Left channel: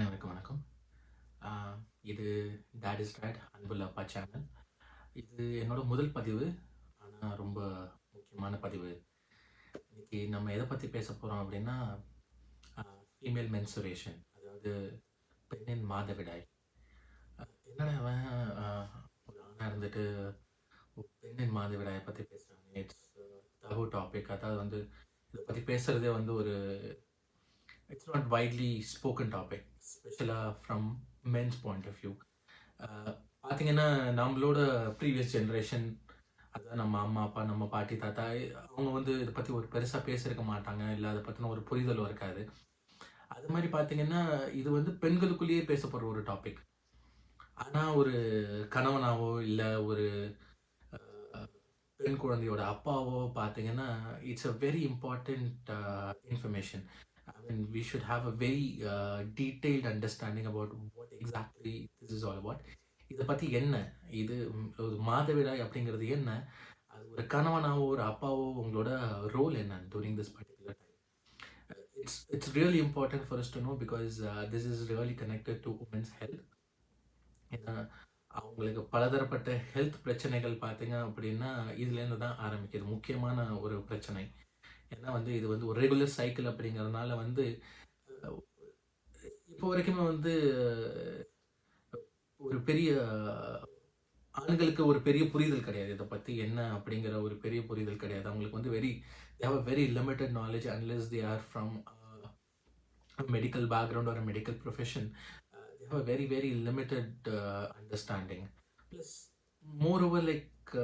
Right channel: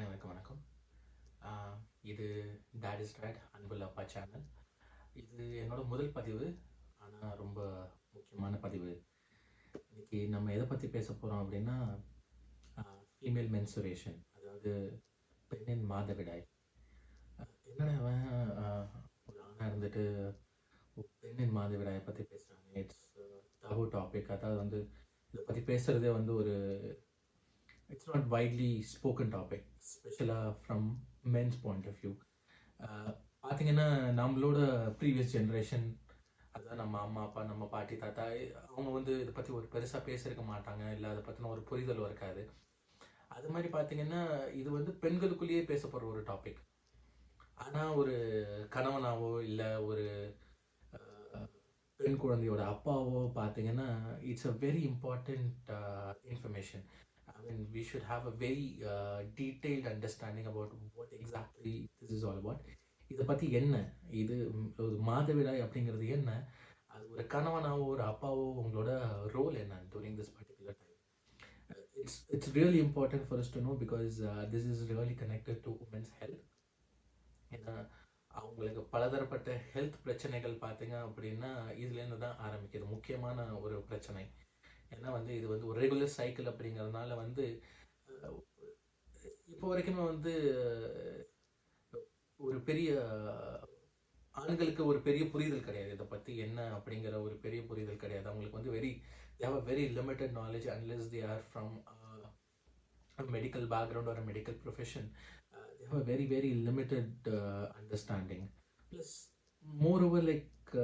அனைவருக்கும் வணக்கம். ஆ, இது டாட் இஸ் டாட் அன்புள்ள அப்பா சேனல். இது என்னோட முதல் பதிவு. ஆனால் ரொம்ப முக்கியமான பதிவு. இன்னைக்கு நம்ம எதை பற்றி பேச போகிறோம் அப்படின்னா ஃபீமேல் மென்சுரேஷன், அதாவது பெண்ணின் மாதவிடாய். என்னடா அவன் ஒரு ஆணாக இருந்துட்டு பெண்ணின் மாதவிடாயை பற்றி பேசுகிறாங்க. It's taboo topic. அதாவது வந்து இதை பற்றி பேசுகிறதே வந்து ஒரு it's not widely spoken topic, especially from men's point of view. பார்த்தீங்கன்னா நம்மளோட ப்ரீவியஸ் ஜென்ரேஷன், அதான் நம்ம அம்மா அப்பா, நம்ம பாட்டி தாத்தா, அவங்க வந்து இதை பற்றி ஒரு பெருசாக பேசியிருக்க மாட்டாங்க, இல்லை அதை பற்றின ஒரு புரிதலும் இருக்காது. அது மாதிரி பார்த்தீங்கன்னா இது வந்து பெண்களுக்குள்ளேயே பேசப்படுற ஒரு டாபிக். ஆனால் ஒரு கணவனாவோ இல்லை ஒரு பெண் குழந்தையோட அப்பாவோ பார்த்தீங்கன்னா it's a very important information. I mean, we should have a very detailed understanding about what exactly this is all about. இதை பற்றி என்ன, இது ஒரு மாதவிடாய் அப்படிங்கிறது என்ன, அது ஒரு கணவனாவோ ஒரு அப்பாவோ உங்களோட ரோல் என்ன during this particular time. It's really important for us to know because this is really connected to women's health. ஏன்னா அவங்களுக்கு பலதரப்பட்ட ஹெல்த் பிரச்சனைகள் பார்த்தீங்க அப்படின்னா இதுலேருந்து தான் ஆரம்பிக்குது. முக்கியமான ஒரு பிரச்சனை ஏன்னா வந்து இது வந்து ஒரு ரெகுலர் சைக்கிள் அப்படிங்கிறதுனால வந்து இப்போ வரைக்குமே வந்து ஒரு பெரிய ஆண்களுக்கு ஒரு பெரிய புரிதல் கிடையாது. இதை பற்றி என்ன அப்படிங்கிற ஒரு பெரிய புரிதல் கிடையாது. அவங்களுக்கு வந்து they have a very limited knowledge unless they are from a medical background or a medical profession. They have a very very limited understanding. Plus moreover like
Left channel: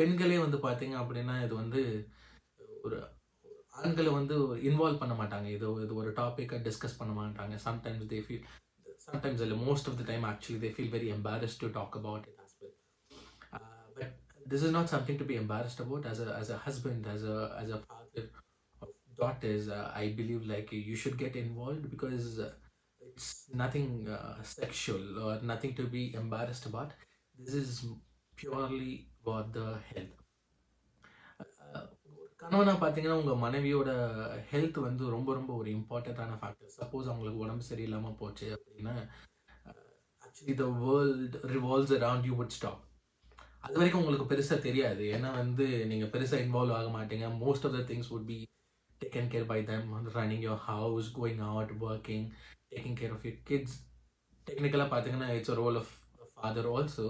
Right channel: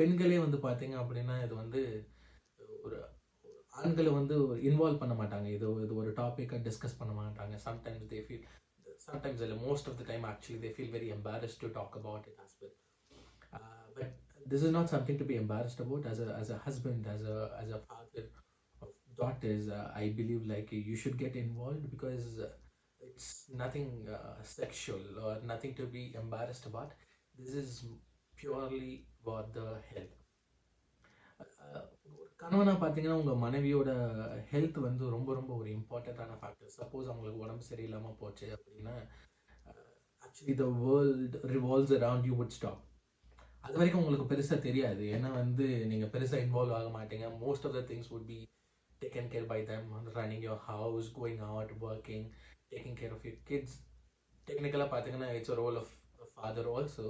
பெண்களே வந்து பார்த்தீங்க அப்படின்னா இது வந்து ஒரு ஆண்களை வந்து இன்வால்வ் பண்ண மாட்டாங்க. இது ஒரு டாப்பிக்கை டிஸ்கஸ் பண்ண மாட்டாங்க. சம்டைம்ஸ் தே ஃபீல், சம்டைம்ஸ் இல்லை, most of the time actually they feel very embarrassed to talk about it as well. But this is not something to be embarrassed about. As a husband, as a father of daughters, I believe like you should get involved because it's nothing sexual or nothing to be embarrassed about. This is purely about the health. கணவனாக பார்த்தீங்கன்னா உங்கள் மனைவியோட ஹெல்த் வந்து ரொம்ப ரொம்ப ஒரு இம்பார்ட்டண்ட்டான factor. Suppose அவங்களுக்கு உடம்பு சரியில்லாமல் போச்சு அப்படின்னா actually the world revolves around you would stop. அது வரைக்கும் உங்களுக்கு பெருசாக தெரியாது. ஏன்னா வந்து நீங்கள் பெருசாக இன்வால்வ் ஆக மாட்டீங்க. Most of the things would be taken care by them. Running your house, going out, working, taking care of your kids. டெக்னிக்கலாக பார்த்தீங்கன்னா it's a role of father also.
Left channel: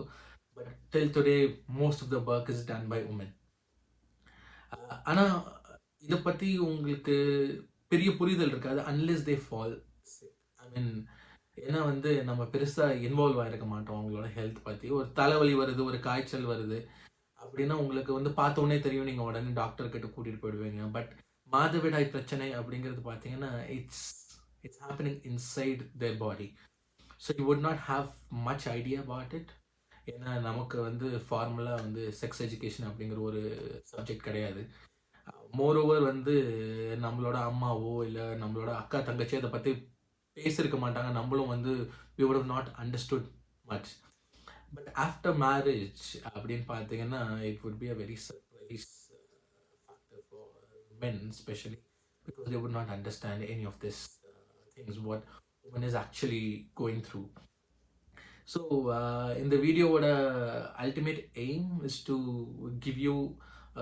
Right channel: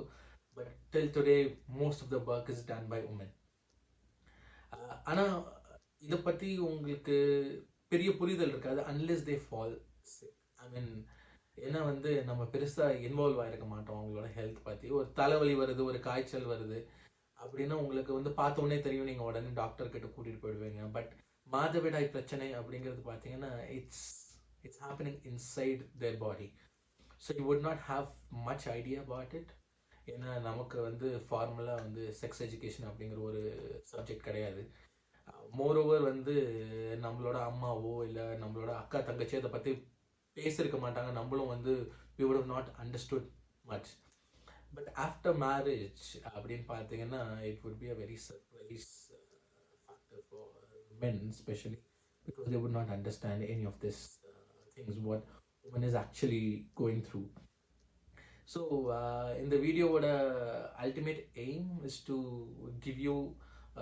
But till today most of the work is done by women. ஆனால் இதை பற்றி உங்களுக்கு பெரிய புரிதல் இருக்காது unless they fall sick. I mean ஏன்னா வந்து நம்ம பெருசாக இன்வால்வ் ஆகிருக்க மாட்டோம் அவங்களோட ஹெல்த் பற்றி. ஒரு தலைவலி வருது, ஒரு காய்ச்சல் வருது அப்படின்னா உங்களுக்கு வந்து பார்த்தோன்னே தெரியும், நீங்கள் உடனே டாக்டர்கிட்ட கூட்டிகிட்டு போயிடுவீங்க. பட் மாதவிடாய் பிரச்சனை அப்படிங்கிறது பார்த்தீங்கன்னா it's happening inside their body. So you would not have much idea about it. ஏன்னா நமக்கு வந்து ஃபார்முலாக வந்து செக்ஸ் எஜுகேஷன் அப்படிங்கிற ஒரு சப்ஜெக்ட் கிடையாது. மோரோவர் வந்து நம்மளோட அம்மாவோ இல்லை நம்மளோட அக்கா தங்கச்சி அதை பற்றி பேசியிருக்க மாட்டாங்க. நம்மளும் வந்து we would have not understood much. But after marriage அப்படின்னு பார்த்தீங்கன்னா it would be a very surprise factor for men especially because they would not understand any of this things what woman is actually going through. So in the video what ultimate aim is to give you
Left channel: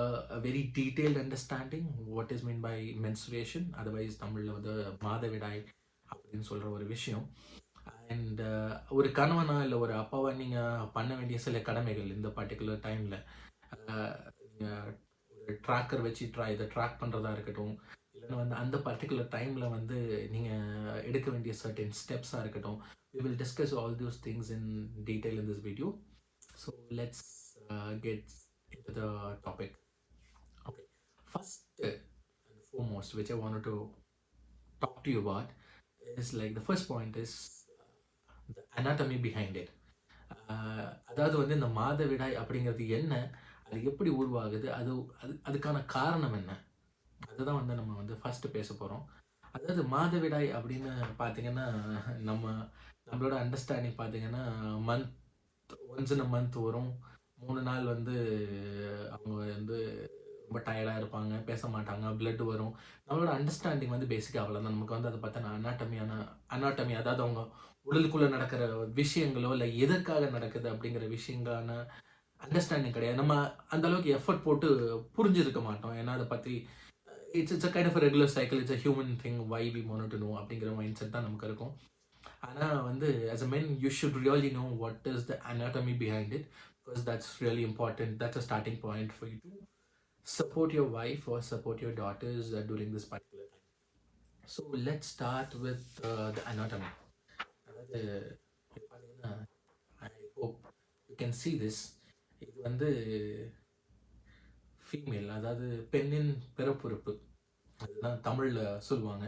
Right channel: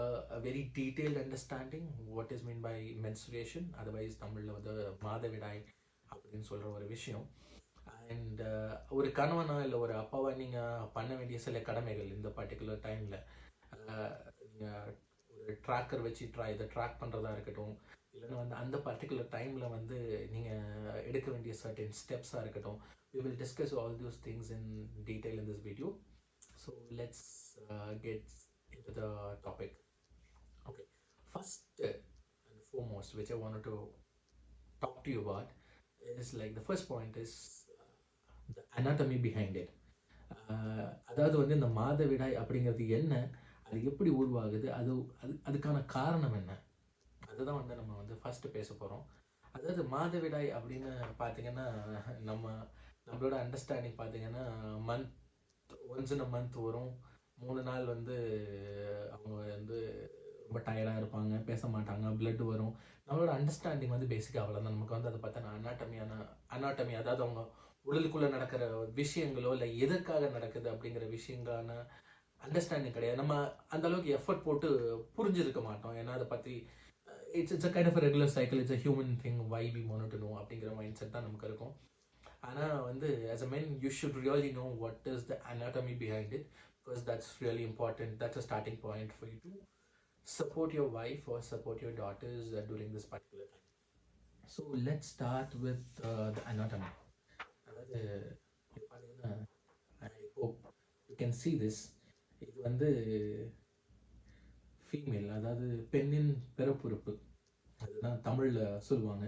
a very detailed understanding what is meant by menstruation, otherwise தமிழில் வந்து மாதவிடாய் அப்படின்னு சொல்கிற ஒரு விஷயம். அண்ட் ஒரு கணவனா இல்லை ஒரு அப்பாவா நீங்கள் பண்ண வேண்டிய சில கடமைகள் இந்த பர்டிகுலர் டைமில் நீங்கள் ஒரு ட்ராக்கர் வச்சு இதை ட்ராக் பண்ணுறதா இருக்கட்டும், இல்லைன்னா வந்து அந்த பர்டிகுலர் டைமில் வந்து நீங்கள் எடுக்க வேண்டிய சர்டன் ஸ்டெப்ஸாக இருக்கட்டும். We will discuss all those things in detail in this video. So let's get into the topic. Okay, first and foremost which I wanted to talk to you about is like the first point is the anatomy behind it. அதாவது வந்து இந்த மாதவிடாய் அப்படிங்கிறது என்ன, அது எப்படி உருவாகுது, அதுக்கான காரணம் என்ன, அதுதான் வந்து நம்ம வந்து ஃபர்ஸ்ட் பேச போகிறோம். அதாவது மாதவிடாய் அப்படின்னு பார்த்தீங்கன்னா நம்மளோட அண்டர்ஸ்டாண்டிங் பார்த்தீங்கன்னா ஒன்ஸ் இன் அ மந்த் வரும். 3 நாள் வந்து அவங்க வந்து ரொம்ப டயர்டாக இருப்பாங்க, பேச மாட்டாங்க, பிளட் வரும். நம்மளோட அண்டர்ஸ்டாண்டிங் வந்து பேசிக்காக அவ்வளோதான். நமக்கு வந்து அதை பார்த்தா அனாட்டமி, அதாவது அவங்க உடலுக்குள்ள நடக்கிற விஷயங்களோ இல்லை எதற்காக நடக்குது அப்படிங்கிற விஷயங்களான அண்டர்ஸ்டாண்டிங் கிடையாது. நம்ம அந்த அளவுக்கு எஃபர்ட் போட்டு புரிஞ்சிருக்க மாட்டோம். ஏன்னா அதை பற்றி it's a kind of regular cycle, it's a human thing, why we want to know அப்படிங்கிற மைண்ட் செட் தான் நமக்கு இருக்கும். ஆனால் வந்து as a men you should really know what is the anatomy behind it, because that's really important. That's a starting point for you to support your wife or support your daughters during this particular time. So let's start with the anatomy. அதாவது இது பார்த்தீங்கன்னா, I hope you can see this. இது வந்து ஃபீமேல், அதாவது பெண்ணின் பிறப்புறுப்பு, அதுதான் தமிழில் சொல்லுவாங்க.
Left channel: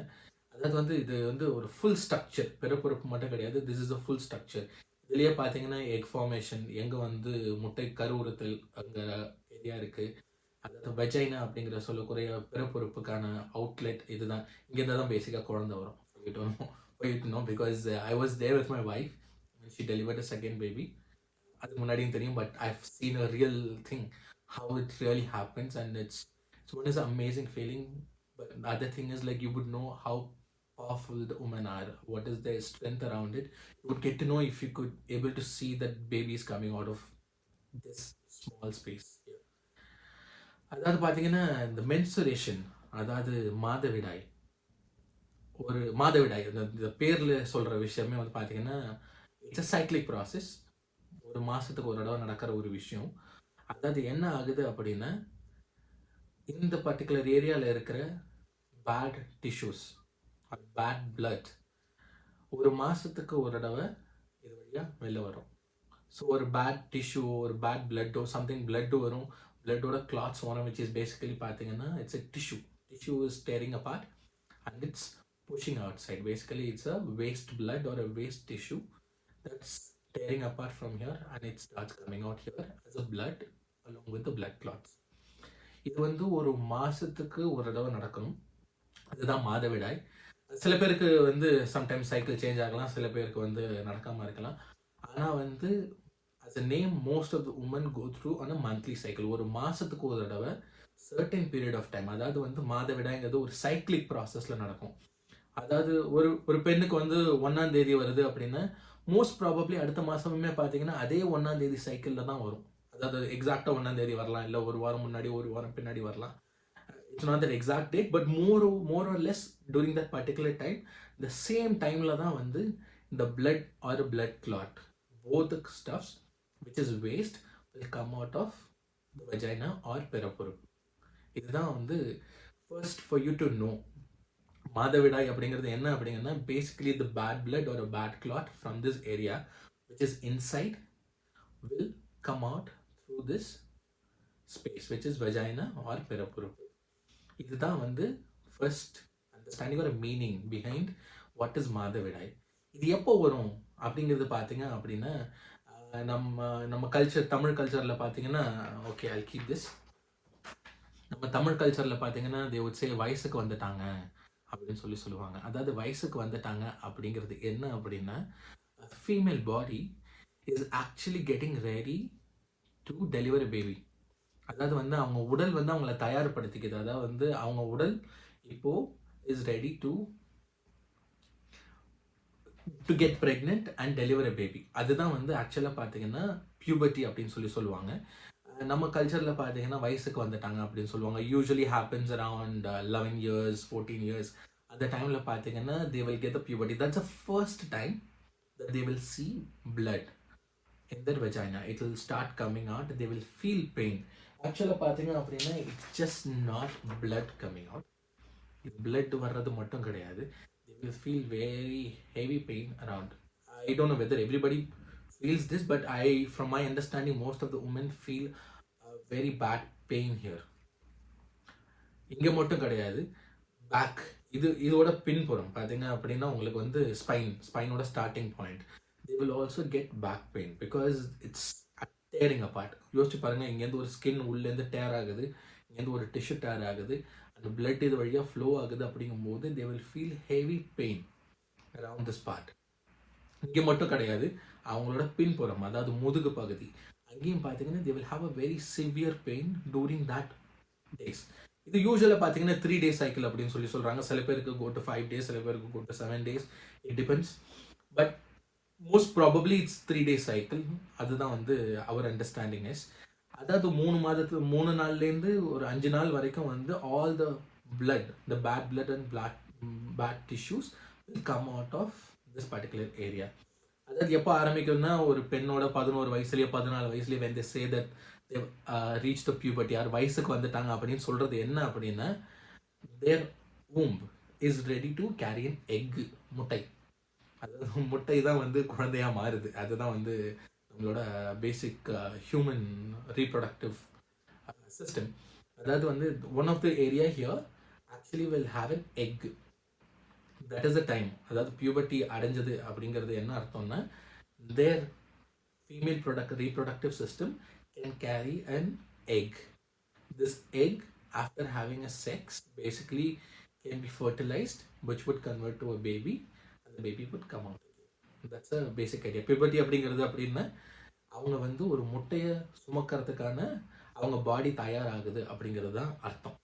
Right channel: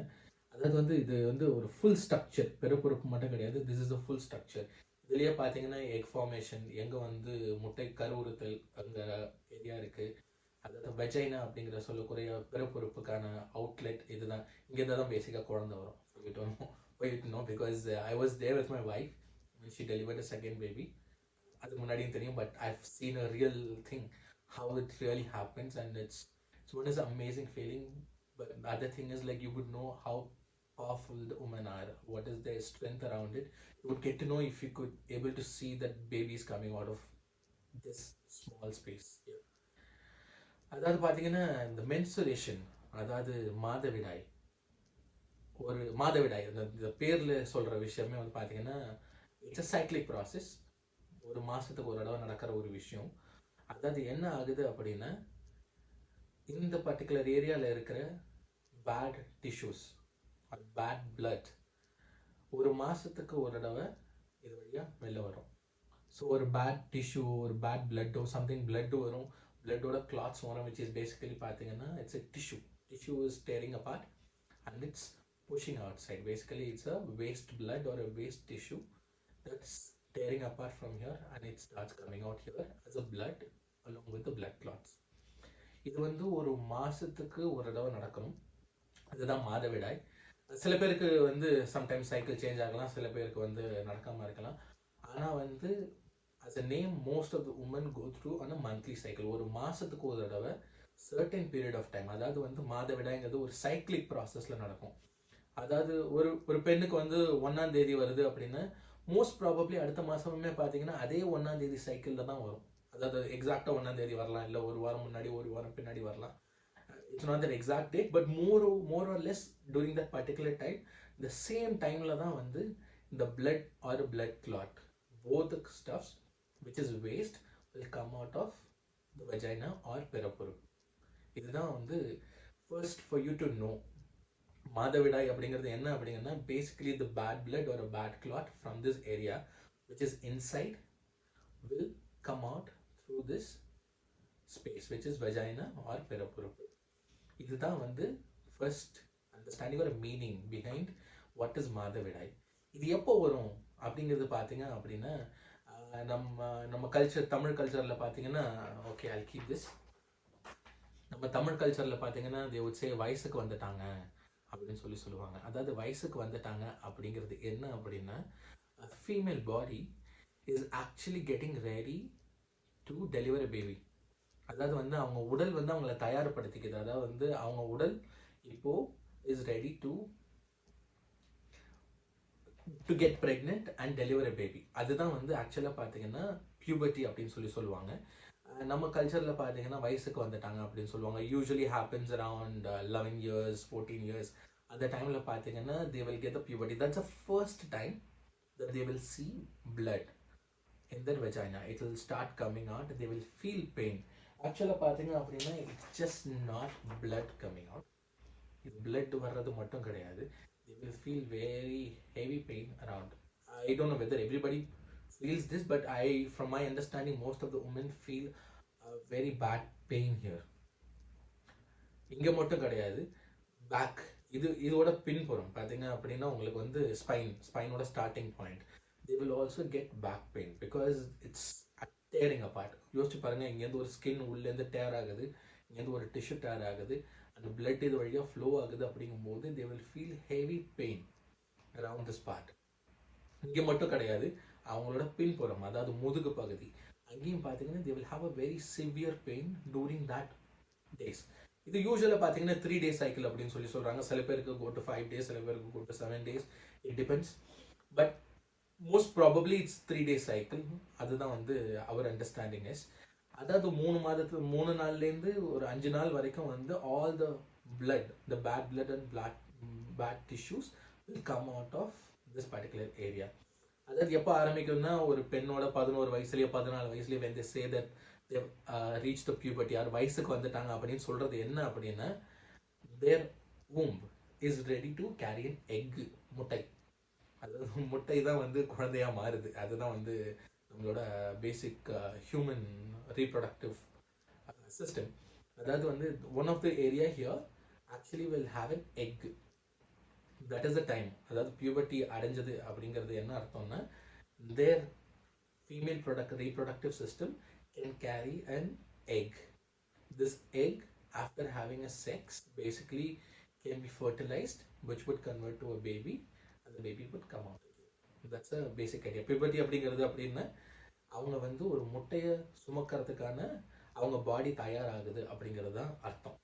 அதாவது வந்து இது வந்து ஒரு ஃபுல் ஸ்ட்ரக்சர், பிறப்புறுப்பு மட்டும் கிடையாது, this is a full structure. இதுலேயே பார்த்தீங்கன்னா எக் ஃபார்மேஷன், எங்கே வந்து முட்டை கருவுறுத்தல் அங்கே ஏரியா இருக்குது, அதாவது வெஜைனா அப்படிங்கிற சொல்லக்கூடிய பிறப்புறுப்புக்கான அவுட்லெட் இதுதான். இங்கேருந்து தான் பேசிக்காக குழந்தை வரும். Because I was there with my wife when she delivered a second baby. அதுக்கு முன்னாடியும் தெரியும், but I have seen a real thing how it really happens, and it's one is an amazing feeling. But the other thing is, like, you would know how powerful the women are, what is their strength around it. You would get to know if you could able to see that baby is coming out of this small space here. அதாவது பார்த்தீங்கன்னா இந்த மென்சுரேஷன், அதாவது மாதவிடாய், ஒரு மாதவிடாய் இந்த பேரில் சொல்கிற விஷயமே வந்து பார்த்தீங்கன்னா இட்ஸ் அ சைக்ளிக் ப்ராசஸ். ஒரு மாதத்துக்கு ஒரு தடவை நடக்கிற ஒரு விஷயம். அதாவது என்ன ஆகுது அப்படின்னா, இந்த பர்டிகுலர் ஏரியாவில் இருக்கிற பேட் டிஷ்யூஸ், பேட் பிளட் ஒரு மாதத்துக்கு ஒரு தடவை இது வழியாக வெளில வரும். ஸோ ஒரு பேட் டிஷ்யூ, ஒரு பேட் பிளட்டோ சம்திங் பிளட்டு வரும், பிளட்டோட கிளாத்ஸ் வரும், விச் இஸ் பேசிக்கலி பார்த்தீங்கன்னா it's a tissue. Tissue is tearing apart and it's pushing outside. Basically it's a waste blood or a waste tissue that's tearing apart from here, and it starts coming out here as a blood along with the blood clots. இது வந்து ஒரு மாசத்துக்கு ஒரு தடவை நடக்கணும். அதுதான் மாதவிடாய். சில பேருக்கு வந்து சம்டைம்ஸ் சைக்கிள் சேஞ்ச் ஆகலாம், சில பேருக்கு வந்து நடக்காம இருக்கலாம். ஆனால் வந்து as a name, most of the women go through on a monthly cycle. ஒரு மாசத்துக்கு ஒரு தடவை certain period of time, அதாவது வந்து மாதவிடாய்ங்கிறது ஒரு சைக்கிளிக் ப்ராசஸ்ல நடக்கும். அதாவது ஒரு பெண்ணுக்கு வந்து 1ஆம் தேதி வருது அப்படின்னா மோஸ்ட் ப்ராபப்ளி அடுத்த மாதமுமே பார்த்தீங்கன்னா அதே 1ஆம் தேதி சைக்கிளில் தான் வரும். அதாவது எக்ஸாக்டாக 1ஆம் தேதி வரலாம், இல்லை ஒரு வாரம் முன்னாடி ஒரு வாரம் பின்னாடி வரலாம். It's not that exact date, but more or less during that particular time, இந்த சேம் டைமில் தான் வந்து இந்த blood or blood clot, both stuffs which is waste will come out of the vagina or பிறப்புறுப்பு. இதுதான் வந்து first for you to know. மாதவிடாய் அப்படிங்கிறது என்ன அப்படிங்கன்னா, பேசிக்கலி த பேட் பிளட் ஒரு bad clot from this area which is inside will come out through this space which is vagina or பிறப்புறுப்பு. இதுதான் வந்து ஃபர்ஸ்ட் அண்டர்ஸ்டாண்டிங் ஒரு மீனிங் பிஹைண்ட் வாட் இஸ் மாதவிடாய். இது எப்போ வரும் அப்படிங்கிறது பார்த்தீங்க அப்படின்னா, நம்ம கல்ச்சர், தமிழ் கல்ச்சரில் பார்த்தீங்கன்னா, ஓகே ஐ கீப் திஸ், நம்ம தமிழ் கல்ச்சரில் பார்த்தீங்கன்னா தே வுட் சே வயசுக்கு வந்துட்டாங்க அப்படின்னு சொல்லுவாங்க. அதாவது வயசுக்கு வந்துட்டாங்க அப்படிங்கிறது என்ன அப்படின்னா, female body is actually getting ready to deliver எ பேபி. அதாவது வந்து அவங்க உடல் வந்து அவங்கள தயார்படுத்திக்குது. அதாவது வந்து அவங்க உடல் இப்போ is ready to get pregnant and deliver எ பேபி. அதுதான் வந்து ஆக்சுவலாக பார்த்தீங்கன்னா பியூபர்ட்டி அப்படின்னு சொல்லுவாங்க. நம்ம கல்ச்சரில் பார்த்தீங்கன்னா வயசுக்கு வந்துட்டாங்க அப்படின்னு சொல்லுவாங்க. யூஸ்வலி ஹேப்பன்ஸ் அரவுண்ட் 11 years 14 years. அந்த டைமில் பார்த்தீங்கன்னா they will get the puberty. That's the first time that they will see blood in their vagina. It will start coming out. They will feel pain. ஆக்சுவலாக பார்த்தீங்க அப்படின்னா it's just not blood coming out. இது பிளட் வர்றது மட்டும் கிடையாது. They will feel very heavy pain around. I don't know whether everybody feels this, but from my understanding, most of the women feel very bad pain here. இங்கே மட்டும் கிடையாது, பேக், இதோட பின்புறம் பார்த்தீங்க அப்படின்னா உங்களுக்கு வந்து ஸ்பைனோட starting point, they will also get back pain because it's tearing apart. யோசிச்சு பாருங்க, இங்கேருந்து ஒரு ஸ்கின் உள்ளேருந்து டேர் ஆகுது, இங்கேருந்து ஒரு டிஷ்யூ டேர் ஆகுது, அந்த பிளட் இது வழியாக ஃப்ளோ ஆகுது. அப்படிங்கும்போது they will feel heavy pain around this part. இங்கே மட்டும் கிடையாது, அவங்களோட பின்புறம், அதாவது முதுகு பகுதி, அங்கேயும் பார்த்தீங்கன்னா they will have a very severe pain during that days. இது யூஸ்வலாக பார்த்தீங்கன்னா 3 days சைக்கிள் அப்படின்னு சொல்கிறாங்க. சில பேருக்கு go to 5 days, சில பேருக்கு go to 7 days, it depends. But most probably it's 3 day cycle. அதுதான் வந்து அவர் அண்டர்ஸ்டாண்டிங் இஸ். அதாவது 3 நாள்லேருந்து ஒரு 5 நாள் வரைக்கும் வந்து all the blood, the bad blood and bad tissues will come out of this particular area. அதாவது எப்போ ஆரம்பிக்கும்னா ஒரு பெண்ணோட 11 வயசுலயோ 14 வயசுலயோ when they say that they reached the puberty, யார் வயசுக்கு வந்துட்டாங்க அப்படின்னு சொல்றது என்ன அப்படின்னா their womb is ready to carry an egg, முட்டை. அதாவது முட்டை தான் வந்து குழந்தையா மாறுது. அதுதான் வந்து நம்மளோட பேசிக் ஹியூமன் ரீப்ரொடக்டிவ் சிஸ்டம். அதாவது வந்து one of the area here actually will have an egg. That is the time. அதாவது பியூபர்ட்டி அடைஞ்சது அப்படிங்கிறது என்ன அர்த்தம்னா their female reproductive system can carry an egg. This egg after having a sex basically can be fertilized, which would convert to a baby and the baby would come out again. That's a basic idea. Puberty அப்படிங்கிறது அப்படின்னா அவங்க வந்து ஒரு முட்டையை சுமக்கிறதுக்கான அவங்க பாடி தயாராகுது அப்படிங்கிறது தான் அர்த்தம்.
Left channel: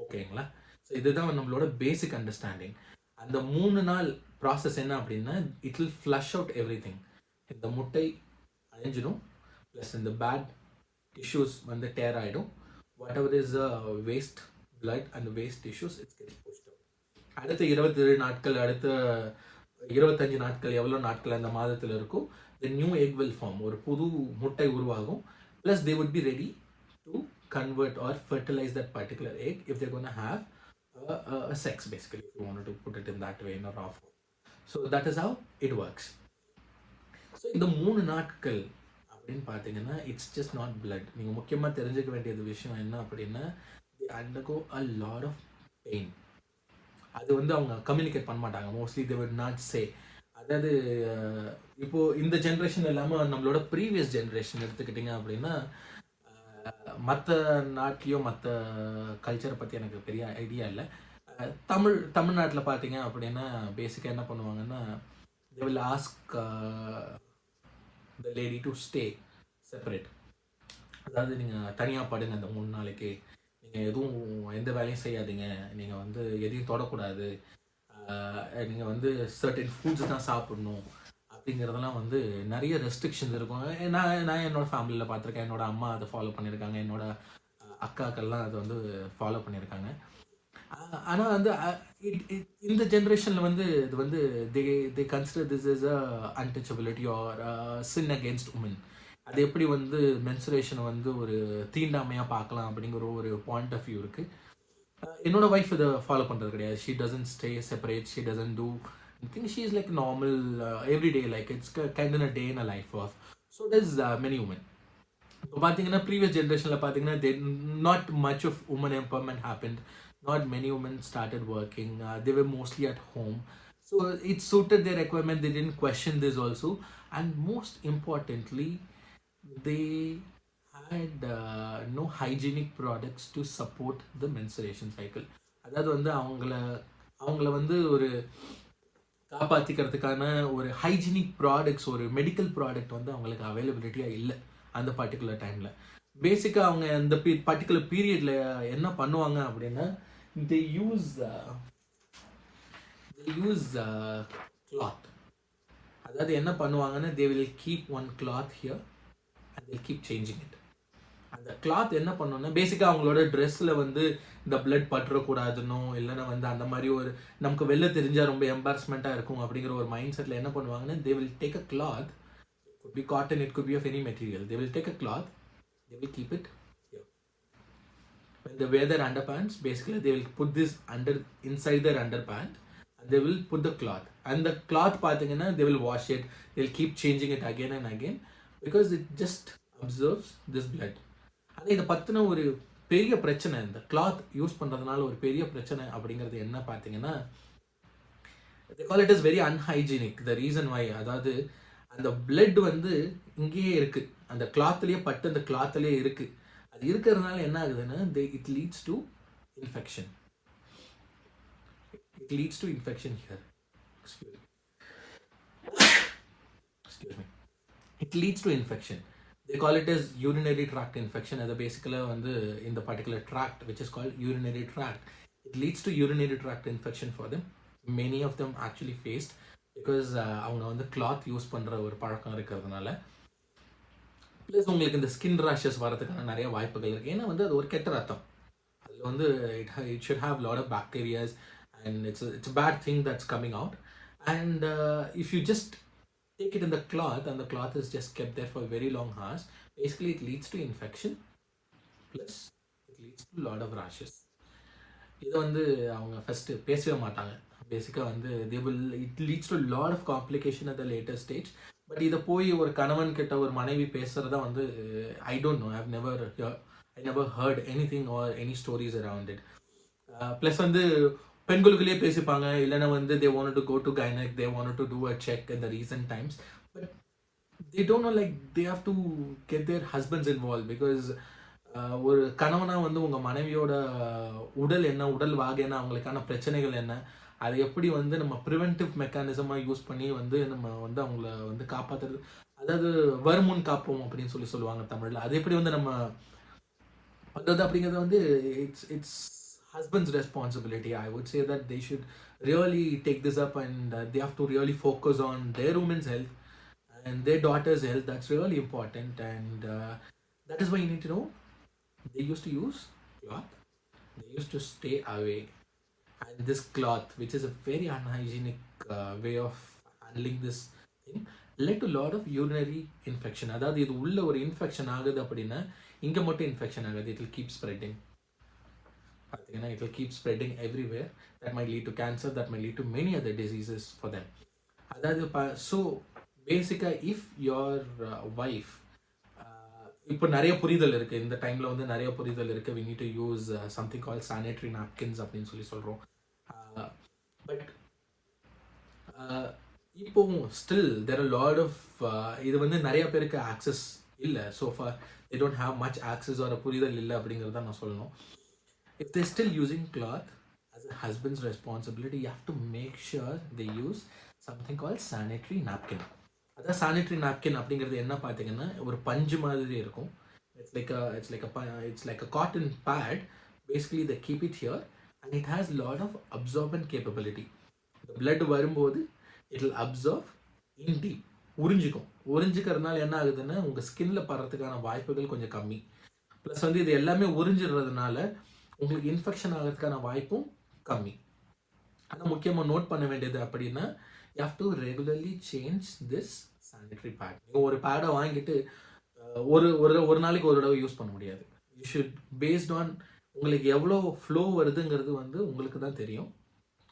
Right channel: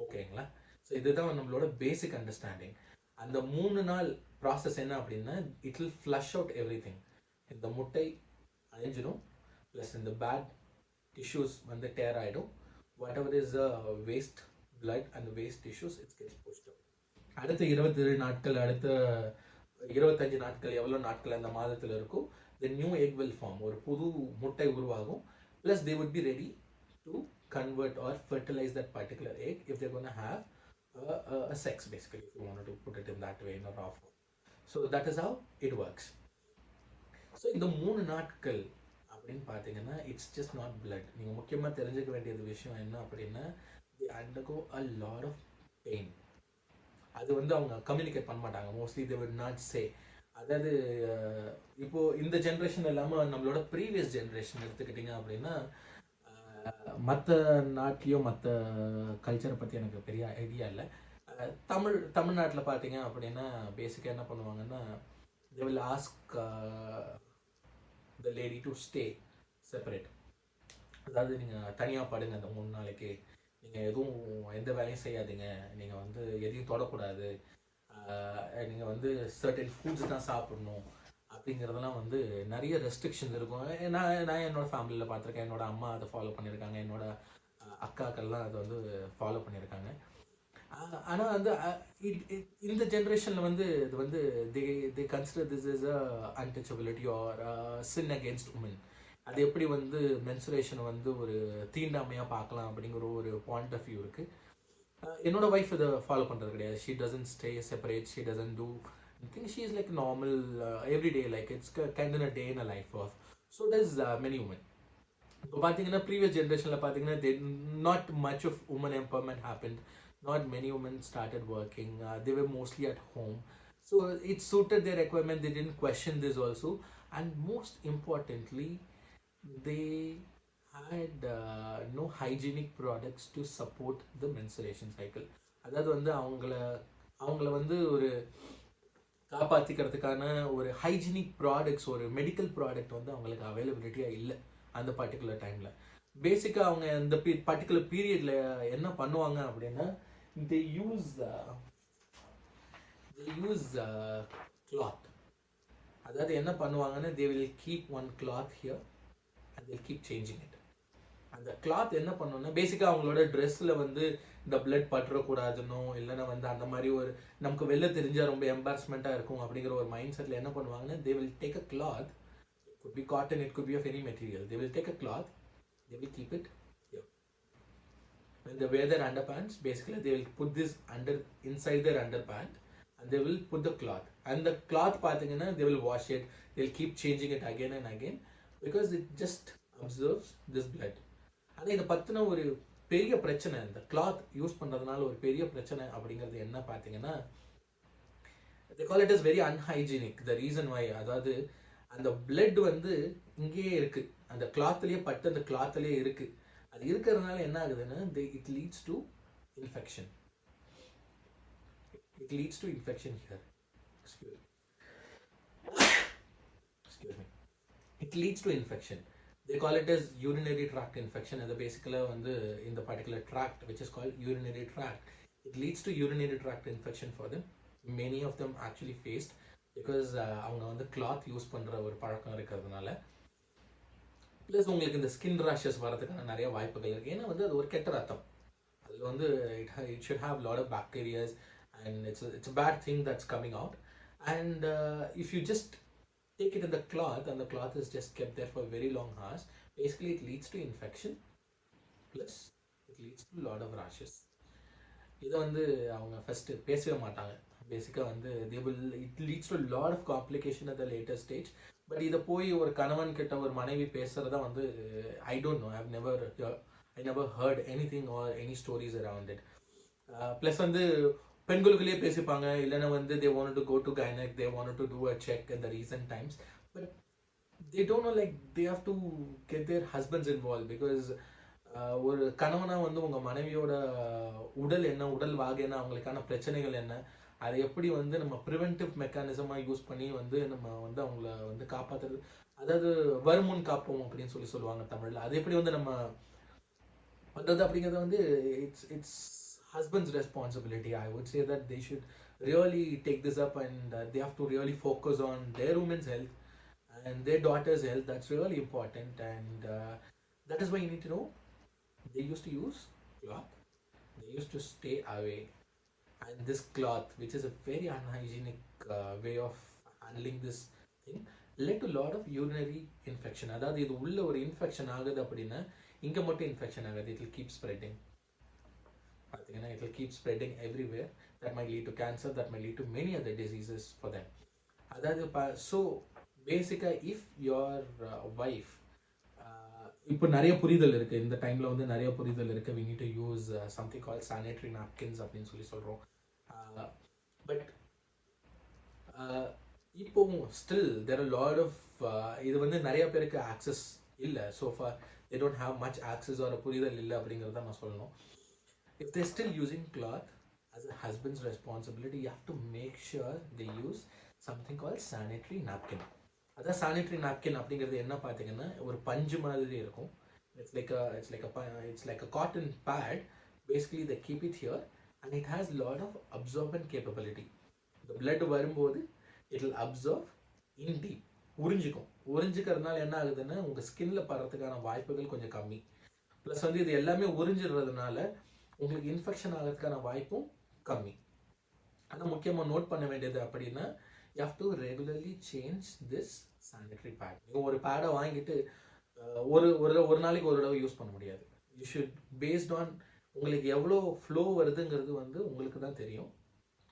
ஓகேங்களா? ஸோ இதுதான் நம்மளோட பேசிக் அண்டர்ஸ்டாண்டிங். அந்த 3 நாள் ப்ராசஸ் என்ன அப்படின்னா it will flush out everything. இந்த முட்டை அழிஞ்சிடும், ப்ளஸ் இந்த பேட் டிஷ்யூஸ் வந்து டேர் ஆகிடும். Whatever is waste blood and waste tissues it's gets pushed out. அடுத்த 27 நாட்கள், அடுத்த 25 நாட்கள், எவ்வளோ நாட்கள் அந்த மாதத்தில் இருக்கும், the new egg will form. ஒரு புது முட்டை உருவாகும். Plus they would be ready to convert or fertilize that particular egg if they're going to have a sex, basically, if you wanted to put it in that way, in a raw form. So that is how it works. So இந்த 3 நாட்கள் அப்படின்னு பார்த்தீங்கன்னா it's just not blood. நீங்கள் முக்கியமாக தெரிஞ்சுக்க வேண்டியது விஷயம் என்ன அப்படின்னா they undergo a lot of pain. அது வந்து அவங்க கம்யூனிகேட் பண்ண மாட்டாங்க. Mostly they would not say. அதாவது இப்போ இந்த ஜென்ரேஷன் இல்லாமல் நம்மளோட ப்ரீவியஸ் ஜென்ரேஷன் எடுத்துக்கிட்டிங்க அப்படின்னா மற்ற நாட்டிலையோ மற்ற கல்ச்சரை பற்றி எனக்கு பெரிய ஐடியா இல்லை. தமிழ்நாட்டில் பார்த்தீங்க அப்படின்னா பேசிக்காக என்ன பண்ணுவாங்கன்னா they will ask the lady to stay separate. அதாவது நீங்கள் தனியாக படுங்க அந்த 3 நாளைக்கு, நீங்கள் எந்த வேலையும் செய்யாதீங்க, நீங்கள் வந்து எதையும் தொடக்கூடாது, நீங்கள் வந்து சர்டன் ஃபுட்ஸ் தான் சாப்பிடணும் அப்படிங்கிறதெல்லாம் வந்து நிறைய ரெஸ்ட்ரிக்ஷன்ஸ் இருக்கும். நான் என்னோட ஃபேமிலியில் பார்த்துருக்கேன். என்னோட அம்மா அதை ஃபாலோ பண்ணியிருக்காங்க, என்னோட அக்காக்கள்லாம் அதை வந்து ஃபாலோ பண்ணியிருக்காங்க. ஆனால் வந்து இந்த ஜென்ரேஷனில் வந்து இது வந்து they consider this is a untouchability or sin against women. அது எப்படி வந்து மென்சுரேஷனை வந்து ஒரு தீண்டாமையாக பார்க்கலாம் அப்படிங்கிற ஒரு பாயிண்ட் ஆஃப் வியூ இருக்குது. என்னோட ஒய்ஃப் இதை ஃபாலோ பண்ணுறது கிடையாது. She doesn't stay separate, she doesn't do thing. She is like normal every day, like it's kind in a day in a life of. So does many women. இப்போ பார்த்தீங்கன்னா previous ஜென்ரேஷனில் பார்த்தீங்கன்னா not much of women empowerment happened. Not many women started working. They were mostly at home. So it suited their requirement. They didn't question this also. And most importantly, they had no hygienic products to support the menstruation cycle. அதாவது வந்து அவங்கள வந்து ஒரு காப்பாற்றிக்கிறதுக்கான ஒரு hygienic products, ஒரு medical product வந்து அவங்களுக்கு அவைலபிலிட்டியாக இல்லை அந்த பர்டிகுலர் டைமில். பேசிக்காக அவங்க அந்த பர்டிகுலர் பீரியடில் என்ன பண்ணுவாங்க அப்படின்னா they use cloth. அதாவது என்ன பண்ணுவாங்கன்னா they will keep one cloth here and they'll keep changing it. அந்த கிளாத் என்ன பண்ணோன்னா பேசிக்காக அவங்களோட ட்ரெஸ்ஸில் வந்து இந்த பிளட் பற்றக்கூடாதுன்னோ இல்லைன்னா வந்து அந்த மாதிரி ஒரு நமக்கு வெளில தெரிஞ்சால் ரொம்ப எம்பாரஸ்மெண்ட்டாக இருக்கும் அப்படிங்கிற ஒரு மைண்ட் செட்டில் என்ன பண்ணுவாங்கன்னா they will take a cloth. It could be cotton, it could be of any material. They will take a cloth, they will keep it here. When they wear their underpants, basically they will put this inside their underpant and they will put the cloth. And the cloth பார்த்தீங்கன்னா they will wash it, they'll keep changing it again and again because it just absorbs this blood. ஆனால் இதை பற்றின ஒரு பெரிய பிரச்சனை, இந்த cloth use பண்ணுறதுனால ஒரு பெரிய பிரச்சனை அப்படிங்கிறது என்ன பார்த்தீங்கன்னா they call it as very unhygienic. The reason why, அதாவது அந்த blood வந்து இங்கேயே இருக்குது, அந்த கிளாத்லேயே பட்டு அந்த கிளாத்லேயே இருக்குது. அது இருக்கிறதுனால என்ன ஆகுதுன்னா it leads to infection. It leads to infection here. Excuse me. It leads to infection. They call it as urinary tract infection. அது basically வந்து in the particular tract which is called urinary tract. It leads to urinary tract infection for them. Many of them actually faced because அவங்க வந்து cloth use பண்ணுற ஒரு பழக்கம் இருக்கிறதுனால. ப்ளஸ் உங்களுக்கு இந்த ஸ்கின் ரேஷஸ் வரதுக்கான நிறைய வாய்ப்புகள் இருக்குது. ஏன்னா வந்து அது ஒரு கெட்ட ரத்தம். அதில் வந்து it should have lot of bacterias and it's a bad thing that's coming out. And if you just take it in the cloth and the cloth is just kept there for very long hours, basically it leads to infection, plus it leads to lot of rashes. இதை வந்து அவங்க ஃபஸ்ட்டு பேசவே மாட்டாங்க. பேசிக்காக வந்து it leads to lot of complication at the latest stage. But இதை போய் ஒரு கணவன் கிட்ட ஒரு மனைவி பேசுகிறதா வந்து I don't know, I never heard anything or any stories around it. Plus வந்து பெண்களுக்குள்ளேயே பேசிப்பாங்க, இல்லைன்னா வந்து they want to go to gynaec, they want to do a check in the recent times. But they don't know, like they have to get their husbands involved because ஒரு கணவனா வந்து உங்க மனைவியோட உடல் என்ன, உடல் வாகு என்ன, அவங்களுக்கான பிரச்சனைகள் என்ன, அதை எப்படி வந்து நம்ம ப்ரிவென்டிவ் மெக்கானிசமா யூஸ் பண்ணி வந்து நம்ம வந்து அவங்கள வந்து காப்பாத்துறது, அதாவது வருமுன் காப்போம் அப்படின்னு சொல்லுவாங்க தமிழ்ல. அது எப்படி வந்து நம்ம பண்றது அப்படிங்கிறது வந்து it's husband's responsibility. I would say that they should really take this up and they have to really focus on their women's health and their daughter's health. That's really important. And that is why you need to know, they used to use cloth, they used to stay away. And this cloth, which is a very unhygienic way of handling this thing, led to a lot of urinary infection. அதாவது இது உள்ள ஒரு இன்ஃபெக்ஷன் ஆகுது அப்படின்னா இங்கே மட்டும் இன்ஃபெக்ஷன் ஆகுது, it will keep spreading. பார்த்தீங்கன்னா it will keep spreading everywhere. That might lead to cancer, that might lead to many other diseases for them. அதாவது ஸோ பேசிக்காக இஃப் யோர் ஒய்ஃப், இப்போ நிறைய புரிதல் இருக்குது, இந்த டைமில் வந்து நிறைய புரிதல் இருக்குது, we need to use something called sanitary napkins அப்படின்னு சொல்கிறோம். பட் இப்போவும் still there are lot of இது வந்து நிறைய பேருக்கு ஆக்சஸ் இல்லை. So for they don't have much access or a புரிதல் இல்லை அப்படிங்கிறத நான் சொல்லணும். If they're still using cloth, as a husband's responsibility, you have to make sure they use something called sanitary napkin. அதான் சானிட்டரி நாப்கின் அப்படிங்கிறது என்ன பார்த்தீங்கன்னா ஒரு பஞ்சு மாதிரி இருக்கும். It's like a cotton pad. Basically they keep it here and it has lot of absorbent capability. The blood வரும்போது it will absorb in deep, உறிஞ்சிக்கிறதுனால என்ன ஆகுதுன்னா உங்கள் ஸ்கின்ல படுறதுக்கான வாய்ப்புகள் கொஞ்சம் கம்மி. ப்ளஸ் வந்து இது எல்லாமே உறிஞ்சிடுறதுனால உங்களுக்கு இன்ஃபெக்ஷன் ஆகிறதுக்கான வாய்ப்பும் கம்மி. ஆனால் முக்கியமாக நோட் பண்ண வேண்டியது அப்படின்னா you have to regularly change this sanitary pad. நீங்கள் ஒரு பேடை வாங்கிட்டு ஒரு நாளைக்கு ஒரு தடவை யூஸ் பண்ண முடியாது. யூ ஷுட் பேஸ்ட் ஆன் உங்களுக்கு எவ்வளோ ஃப்ளோ வருதுங்கிறது வந்து உங்களுக்கு தான் தெரியும்.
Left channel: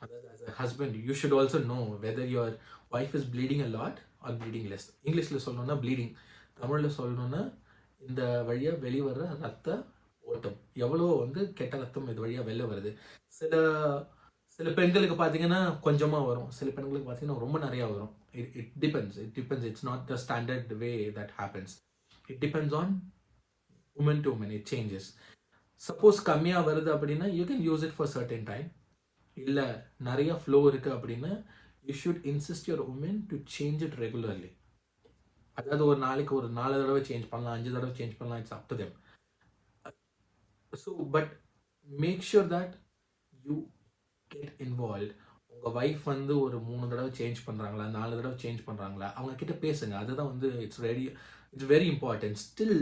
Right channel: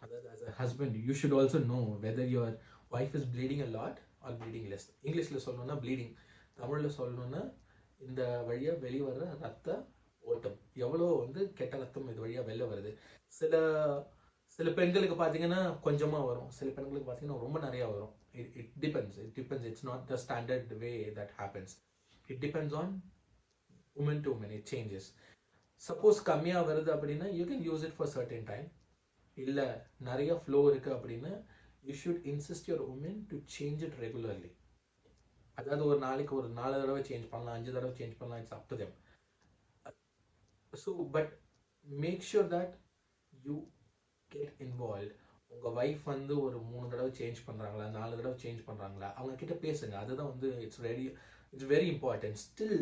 அதாவது as a husband you should also know whether your wife is bleeding a lot or bleeding less. இங்கிலீஷில் சொல்லணும்னா ப்ளீடிங், தமிழில் சொல்லணும்னா இந்த வழியாக வெளிவர ரத்த ஓட்டம், எவ்வளோ வந்து கெட்ட ரத்தம் இது வழியாக வெளில வருது. சில பெண்களுக்கு பார்த்தீங்கன்னா கொஞ்சமாக வரும், சில பெண்களுக்கு பார்த்தீங்கன்னா ரொம்ப நிறையா வரும். It depends. It's not the standard way that happens. It depends on women to women, it changes. Suppose கம்மியாக வருது அப்படின்னா you can use it for certain time. இல்லை நிறைய ஃப்ளோ இருக்குது அப்படின்னா you should insist your women to change it regularly. அதாவது ஒரு நாளைக்கு ஒரு 4 தடவை சேஞ்ச் பண்ணலாம், 5 தடவை சேஞ்ச் பண்ணலாம், it's up to them. So but make sure that you get involve. உங்கள் ஒய்ஃப் வந்து ஒரு 3 தடவை சேஞ்ச் பண்ணுறாங்களா, 4 தடவை சேஞ்ச் பண்ணுறாங்களா, அவங்க கிட்ட பேசுங்க. அதுதான் வந்து it's very important. Still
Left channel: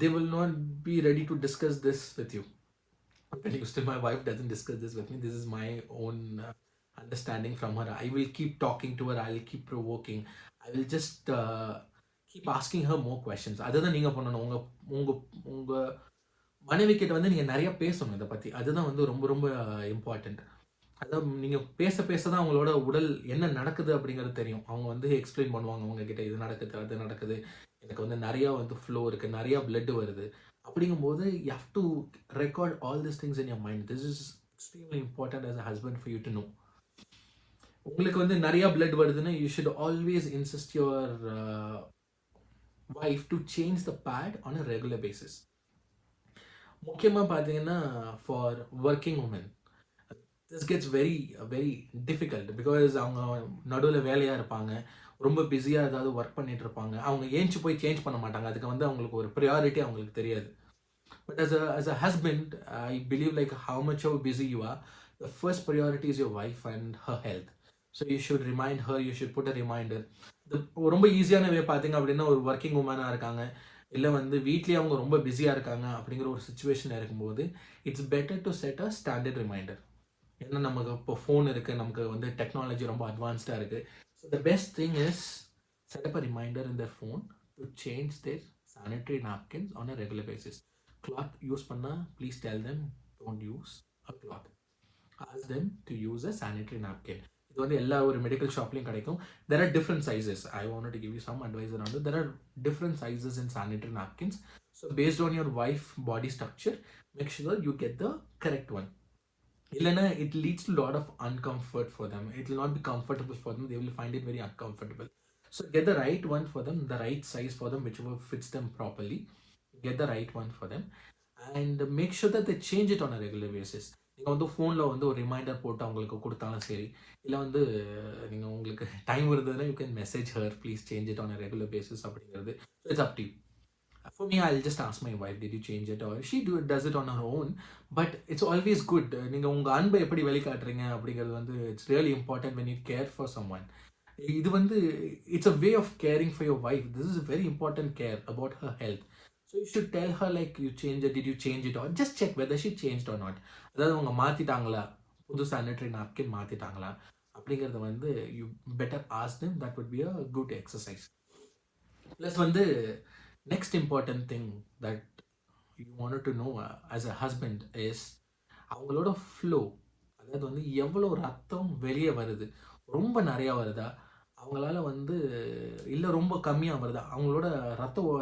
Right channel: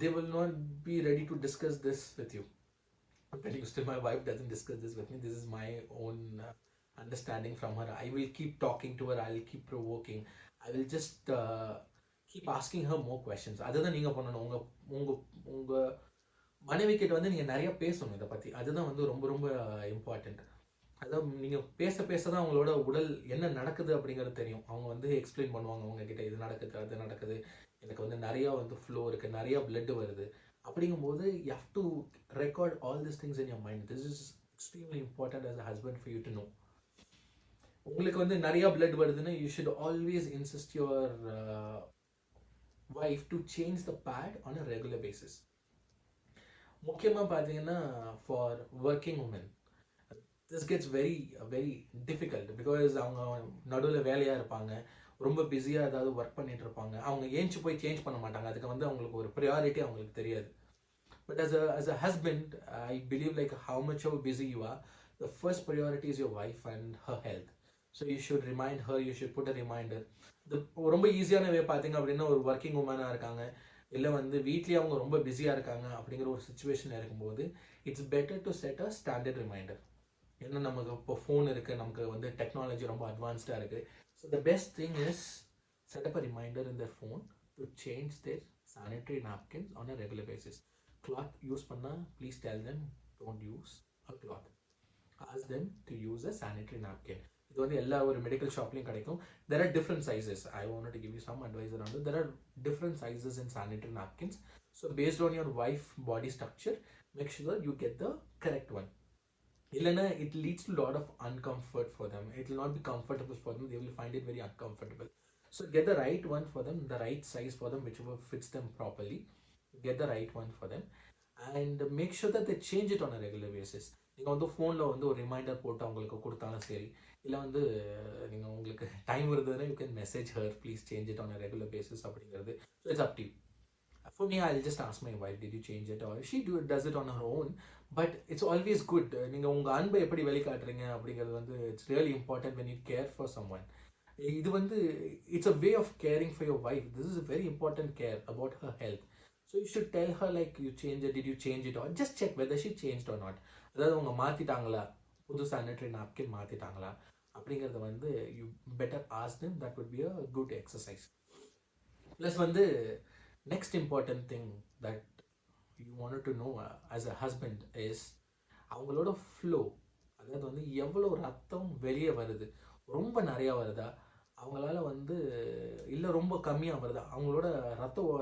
they will not be ready to discuss this with you. Still my wife doesn't discuss this with me. This is my own understanding from her. I will keep talking to her, I will keep provoking, I will just keep asking her more questions. அதுதான் நீங்கள் பண்ணணும். உங்கள் மனைவி கிட்ட வந்து நீங்கள் நிறைய பேசணும் இதை பற்றி. அதுதான் வந்து ரொம்ப ரொம்ப இம்பார்ட்டண்ட். அதாவது நீங்கள் பேச தான் அவங்களோட உடல் என்ன நடக்குது அப்படிங்கிறது தெரியும். அவங்க வந்து எக்ஸ்பிளைன் பண்ணுவாங்க உங்ககிட்ட, இது நடக்குது அது நடக்குது, எனக்கு வந்து நிறையா வந்து ஃப்ளோ இருக்குது, நிறையா பிளட் வருது. அப்படிங்கும்போது you have to record all this things in your mind. This is extremely important as a husband for you to know. உங்களுக்கு வந்து நிறையா பிளட் வருதுன்னா you should always insist your wife to change the pad on a regular basis. முக்கியமாக பார்த்தீங்கன்னா for working women this gets very difficult because அவங்க நடுவில் வேலையாக இருப்பாங்க, ரொம்ப பிஸியாக ஏதாவது ஒர்க் பண்ணிட்டு இருப்பாங்க. அவங்க ஏஞ்சி போய் சேஞ்ச் பண்ண மாட்டாங்க. அதுக்கு வந்து அவங்களுக்கு ஒரு ப்ரியாரிட்டி அவங்களுக்கு தெரியாது. But as a husband, I believe like how much how busy you are, the first priority is your wife and her health. So you should remind her, you should put a reminder. ரொம்ப ஈஸியான வே பார்த்தீங்க அப்படின்னா, ஒரு ஒர்க்கிங் உமனாக இருக்காங்க, இல்லை வந்து வீட்லேயே அவங்க ரொம்ப பிஸியாக இருக்காங்க அப்படிங்கிற ஒரு சுச்சுவேஷன் இருக்கும்போது, it's better to set a standard reminder. ஏன்னா நமக்கு இப்போ ஃபோன் இருக்குது, நமக்கு வந்து டெக்னாலஜி ரொம்ப அட்வான்ஸ்டாக இருக்குது. So the best thing is set up a reminder in their phone to change their sanitary napkins on a regular basis. Cloth use பண்ணால் please tell them don't use a cloth. Ask them to use a sanitary napkin. இது வந்து எல்லா ஒரு மெடிக்கல் ஷாப்லையும் கிடைக்கும். There are different sizes. I wanted to give you some advice around it. There are different sizes in sanitary napkins. So based on your wife body structure, make sure you get the correct one. Ilana, it leads to a lot of uncomfort for them. It will not be comfortable for them. They will find it very uncomfortable. So get the right one for them, the right size for them, whichever fits them properly. Get the right one for them and make sure that they change it on a regular basis. நீங்கள் வந்து ஃபோனில் வந்து ஒரு ரிமைண்டர் போட்டு அவங்களுக்கு கொடுத்தாலும் சரி, இல்லை வந்து நீங்கள் உங்களுக்கு டைம் வருதுன்னா you can message her please change it on a regular basis அப்படிங்கிறது. So it's up to you. For me, I'll just ask my wife, did you change it? Or she does it on her own. But it's always good. நீங்கள் உங்கள் அன்பை எப்படி வெளிக்காட்டுறீங்க அப்படிங்கிறது வந்து it's really important when you care for someone. இது வந்து it's a way of caring for your wife. This is a very important care about her health. So you should tell her like you change it, did you change it, or just check whether she changed or not. அதாவது அவங்க மாற்றிட்டாங்களா, புது sanitary napkin மாற்றிட்டாங்களா அப்படிங்கிறத வந்து you better ask them. That would be a good exercise. Plus வந்து next important thing that you wanted to know as a husband is அவங்களோட ஃப்ளோ. அதாவது வந்து எவ்வளோ ரத்தம் வெளியே வருது, ரொம்ப நிறையா வருதா, அவங்களால வந்து இல்லை ரொம்ப கம்மியாக வருதா, அவங்களோட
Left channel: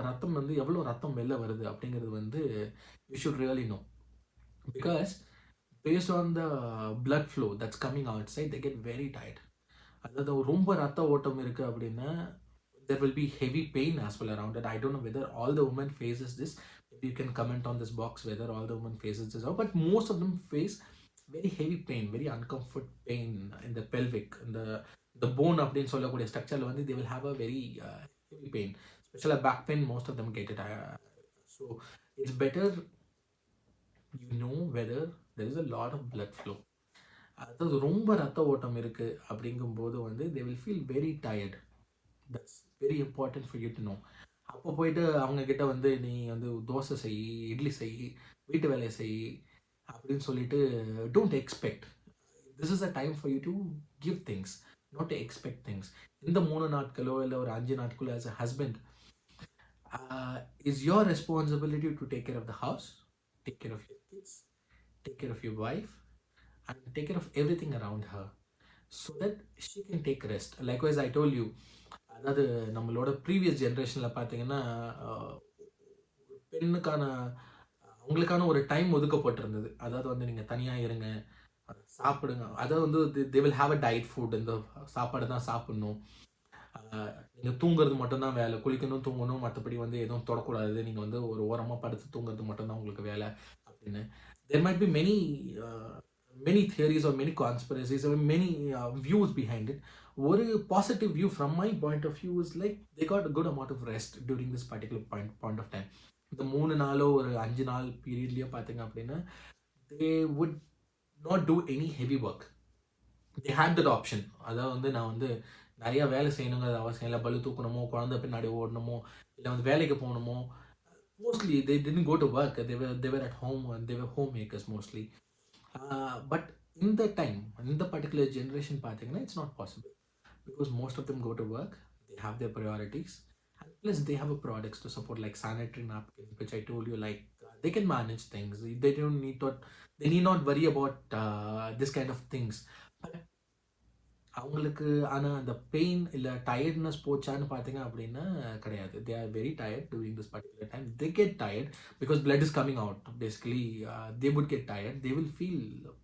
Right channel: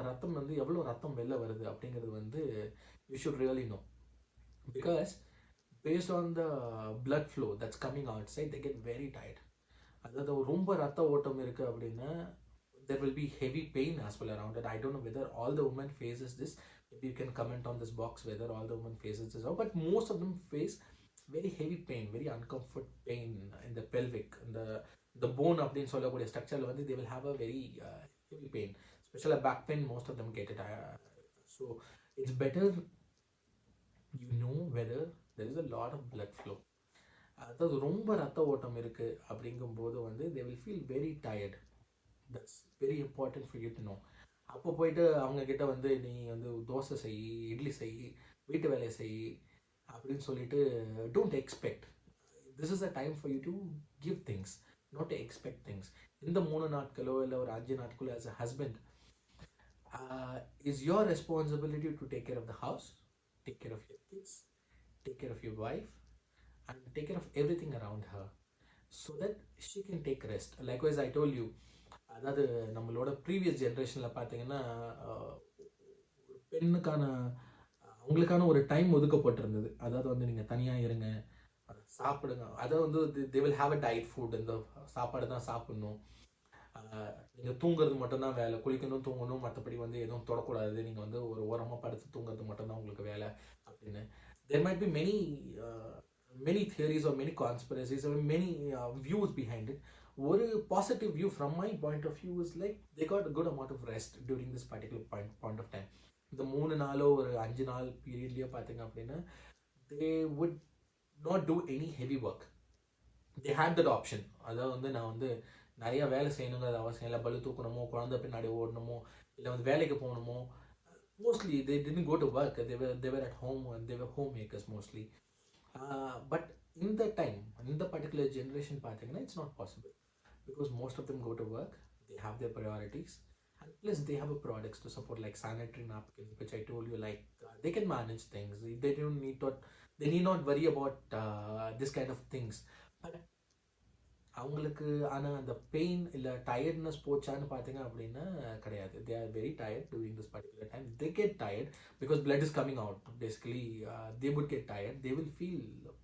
ரத்தம் வந்து எவ்வளோ ரத்தம் வெளில வருது அப்படிங்கிறது வந்து you should really know. Because based on the blood flow that's coming outside, they get very tired. அதாவது ரொம்ப ரத்த ஓட்டம் இருக்குது அப்படின்னா there will be heavy pain as well around it. I don't know whether all the women faces this. Maybe you can comment on this box whether all the women faces this, but most of them face very heavy pain, very uncomfort pain in the pelvic, in the bone அப்படின்னு சொல்லக்கூடிய ஸ்ட்ரக்சரில் வந்து they will have a very heavy pain, especially back pain. Most of them get it. So it's better you know whether there is a lot of blood flow. அதாவது ரொம்ப ரத்த ஓட்டம் இருக்குது அப்படிங்கும்போது வந்து they will feel very tired. That's very important for you to know. அப்போ போயிட்டு அவங்கக்கிட்ட வந்து நீ வந்து தோசை செய், இட்லி செய், வீட்டு வேலையை செய் அப்படின்னு சொல்லிட்டு don't expect. This is a time for you to give things, not to expect things. இந்த 3 நாட்களோ இல்லை ஒரு 5 நாட்களோ as a husband is your responsibility to take care of the house, take care of your kids, take care of your wife, and take care of everything around her so that she can take rest. Likewise, I told you, அதாவது நம்மளோட ப்ரீவியஸ் ஜென்ரேஷனில் பார்த்தீங்கன்னா பெண்ணுக்கான அவங்களுக்கான ஒரு டைம் ஒதுக்கப்பட்டிருந்தது. அதாவது வந்து நீங்கள் தனியாக இருங்க, சாப்பிடுங்க. அதாவது வந்து they will have a diet food. இந்த சாப்பாடு தான் சாப்பிட்ணும், நீங்கள் தூங்குறது மட்டும்தான் வேலை, குளிக்கணும் தூங்கணும், மற்றபடி வந்து எதுவும் தொடக்கூடாது, நீங்கள் வந்து ஒரு ஓரமாக படுத்து தூங்குறது மட்டும்தான் உங்களுக்கு வேலை அப்படின்னு. there might be many theories or many conspiracies or many views behind it. One positive view from my point of view is like they got a good amount of rest during this particular point of time. இந்த 3 நாளோ ஒரு 5 நாள் பீரியட்லேயே பார்த்தீங்க அப்படின்னா they would not do any heavy work. they had that option. அதாவது வந்து நான் வந்து நிறைய வேலை செய்யணுங்கிறது அவசியம் இல்லை, பலு தூக்கணுமோ, குழந்தை பின்னாடி ஓடணுமோ, இல்லை வந்து வேலைக்கு போகணுமோ. mostly they didn't go to work. They were at home and they were homemakers mostly. But in that time, in the particular generation பார்த்தீங்கன்னா it's not possible because most of them go to work, they have their priorities, and plus they have a products to support like sanitary napkins, which I told you, like they can manage things. They need not worry about this kind of things. But அவங்களுக்கு ஆனால் அந்த பெயின் இல்லை டயர்ட்னஸ் போச்சான்னு பார்த்தீங்க அப்படின்னா கிடையாது. they are very tired during this particular time. They get tired because blood is coming out. Basically, they would get tired. They will feel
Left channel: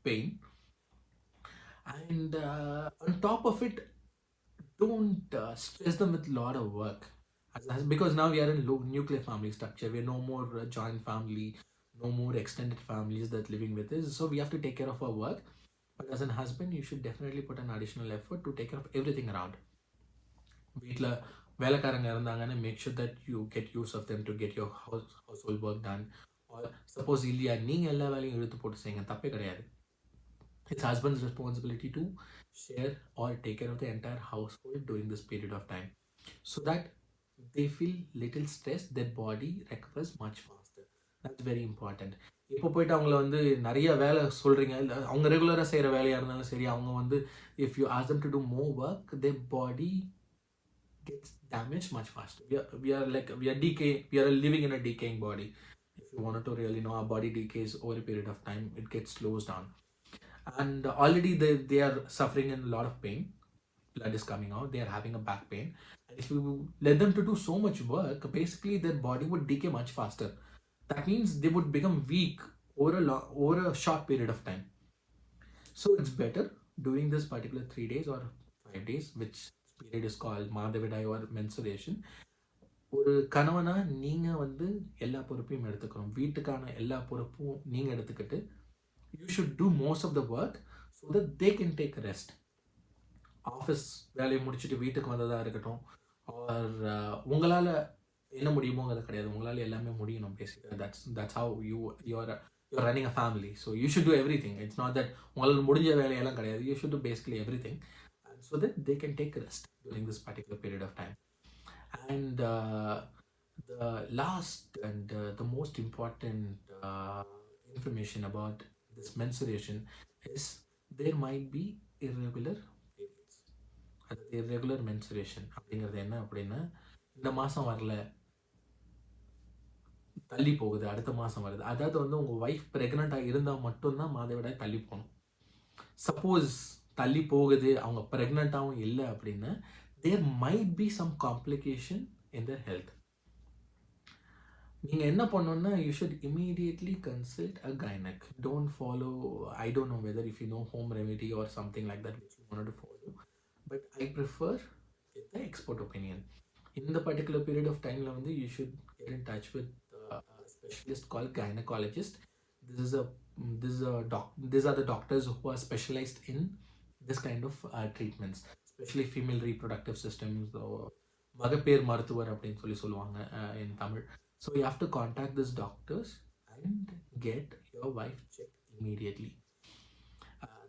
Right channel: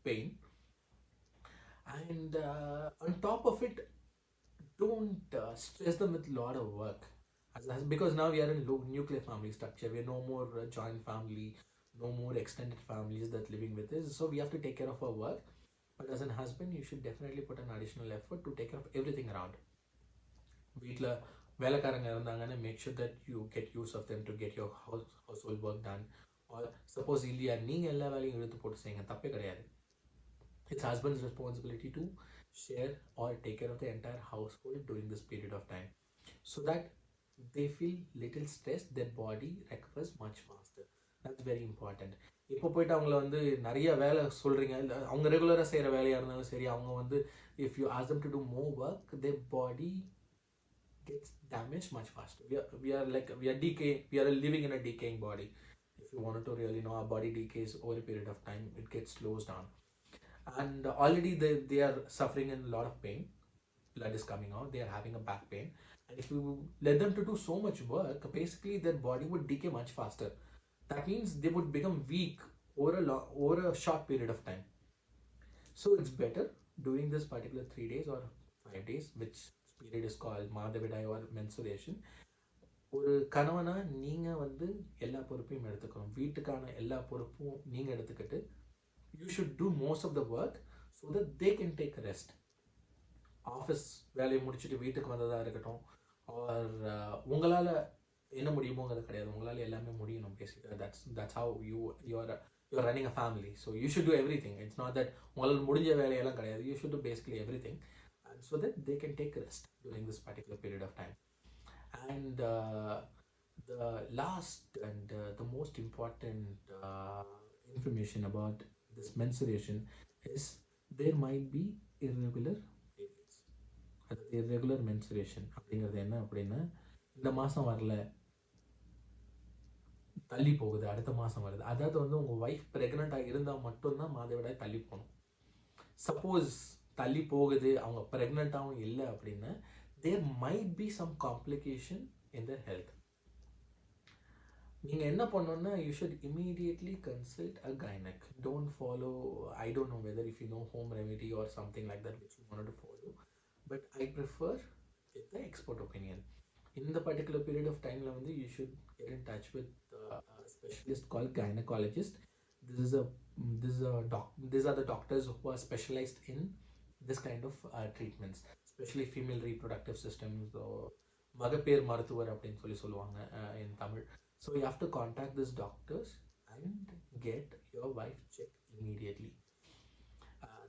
pain. And on top of it, don't stress them with a lot of work. Because now we are in nuclear family structure. We are no more joint family, no more extended families that living with us. So we have to take care of our work. But as a husband, you should definitely put an additional effort to take care of everything around. வீட்டில் வேலைக்காரங்க இருந்தாங்கன்னா make sure that you get use of them to get your household work done. Or suppose இல்லையா நீங்கள் எல்லா வேலையும் இழுத்து போட்டு செய்யுங்க, தப்பே கிடையாது. It's husband's responsibility to share or take care of the entire household during this period of time, so that they feel little stress, their body recovers much faster. That's very important. இப்போ போயிட்டு அவங்கள வந்து நிறைய வேலை சொல்றீங்க, இல்லை அவங்க ரெகுலராக செய்கிற வேலையாக இருந்தாலும் சரி, அவங்க வந்து if you ask them to do more work, their body gets damaged much faster. We are living in a decaying body. If you wanted to really know, our body decays over a period of time, it gets slows down, and already they are suffering in a lot of pain. Blood is coming out, they are having a back pain, and if you let them to do so much work, basically their body would decay much faster. That means they would become weak over a short period of time. So it's better during this particular 3 days or 5 days, which period is called Madhavidai or menstruation. ஒரு கணவனா நீங்கள் வந்து எல்லா பொறுப்பையும் எடுத்துக்கணும், வீட்டுக்கான எல்லா பொறுப்பும் நீங்கள் எடுத்துக்கிட்டு you should do most of the work so that they can take rest. Office வேலையை முடிச்சுட்டு வீட்டுக்கு வந்ததாக இருக்கட்டும், ஆர் உங்களால் என்ன முடியுமோங்கிறது கிடையாது, உங்களால் எல்லாமே முடியணும். பேசிக்காக that's how you're running a family, so you should do everything. It's not that உங்களால் முடிஞ்ச வேலையெல்லாம் கிடையாது. You should do basically everything, and so that they can take rest during this particular period of time. And the last and the most important information about this menstruation is there might be irregular periods. அதாவது irregular menstruation அப்படிங்கிறது என்ன அப்படின்னா, இந்த மாதம் வரல, தள்ளி போகுது, அடுத்த மாதம் வருது. அதாவது வந்து உங்கள் ஒய்ஃப் ப்ரெக்னெண்ட்டாக இருந்தால் மட்டும்தான் மாதவிடாய் தள்ளி போகணும். சப்போஸ் தள்ளி போகுது, அவங்க ப்ரெக்னெண்ட்டாகவும் இல்லை அப்படின்னா, there might be some complication in their health. நீங்கள் என்ன பண்ணணும்னா, you should immediately consult a gynaec. Don't follow, I don't know whether if you know home remedy or something like that which you wanted to follow, but I prefer the expert opinion. In the particular period of time la vandu you should get in touch with a specialist called gynecologist. These are the doctors who are specialized in this kind of treatments, especially female reproductive systems, or மகப்பேர் மருத்துவர் அப்படின்னு சொல்லுவாங்க in Tamil. So you have to contact these doctors and get your wife checked immediately.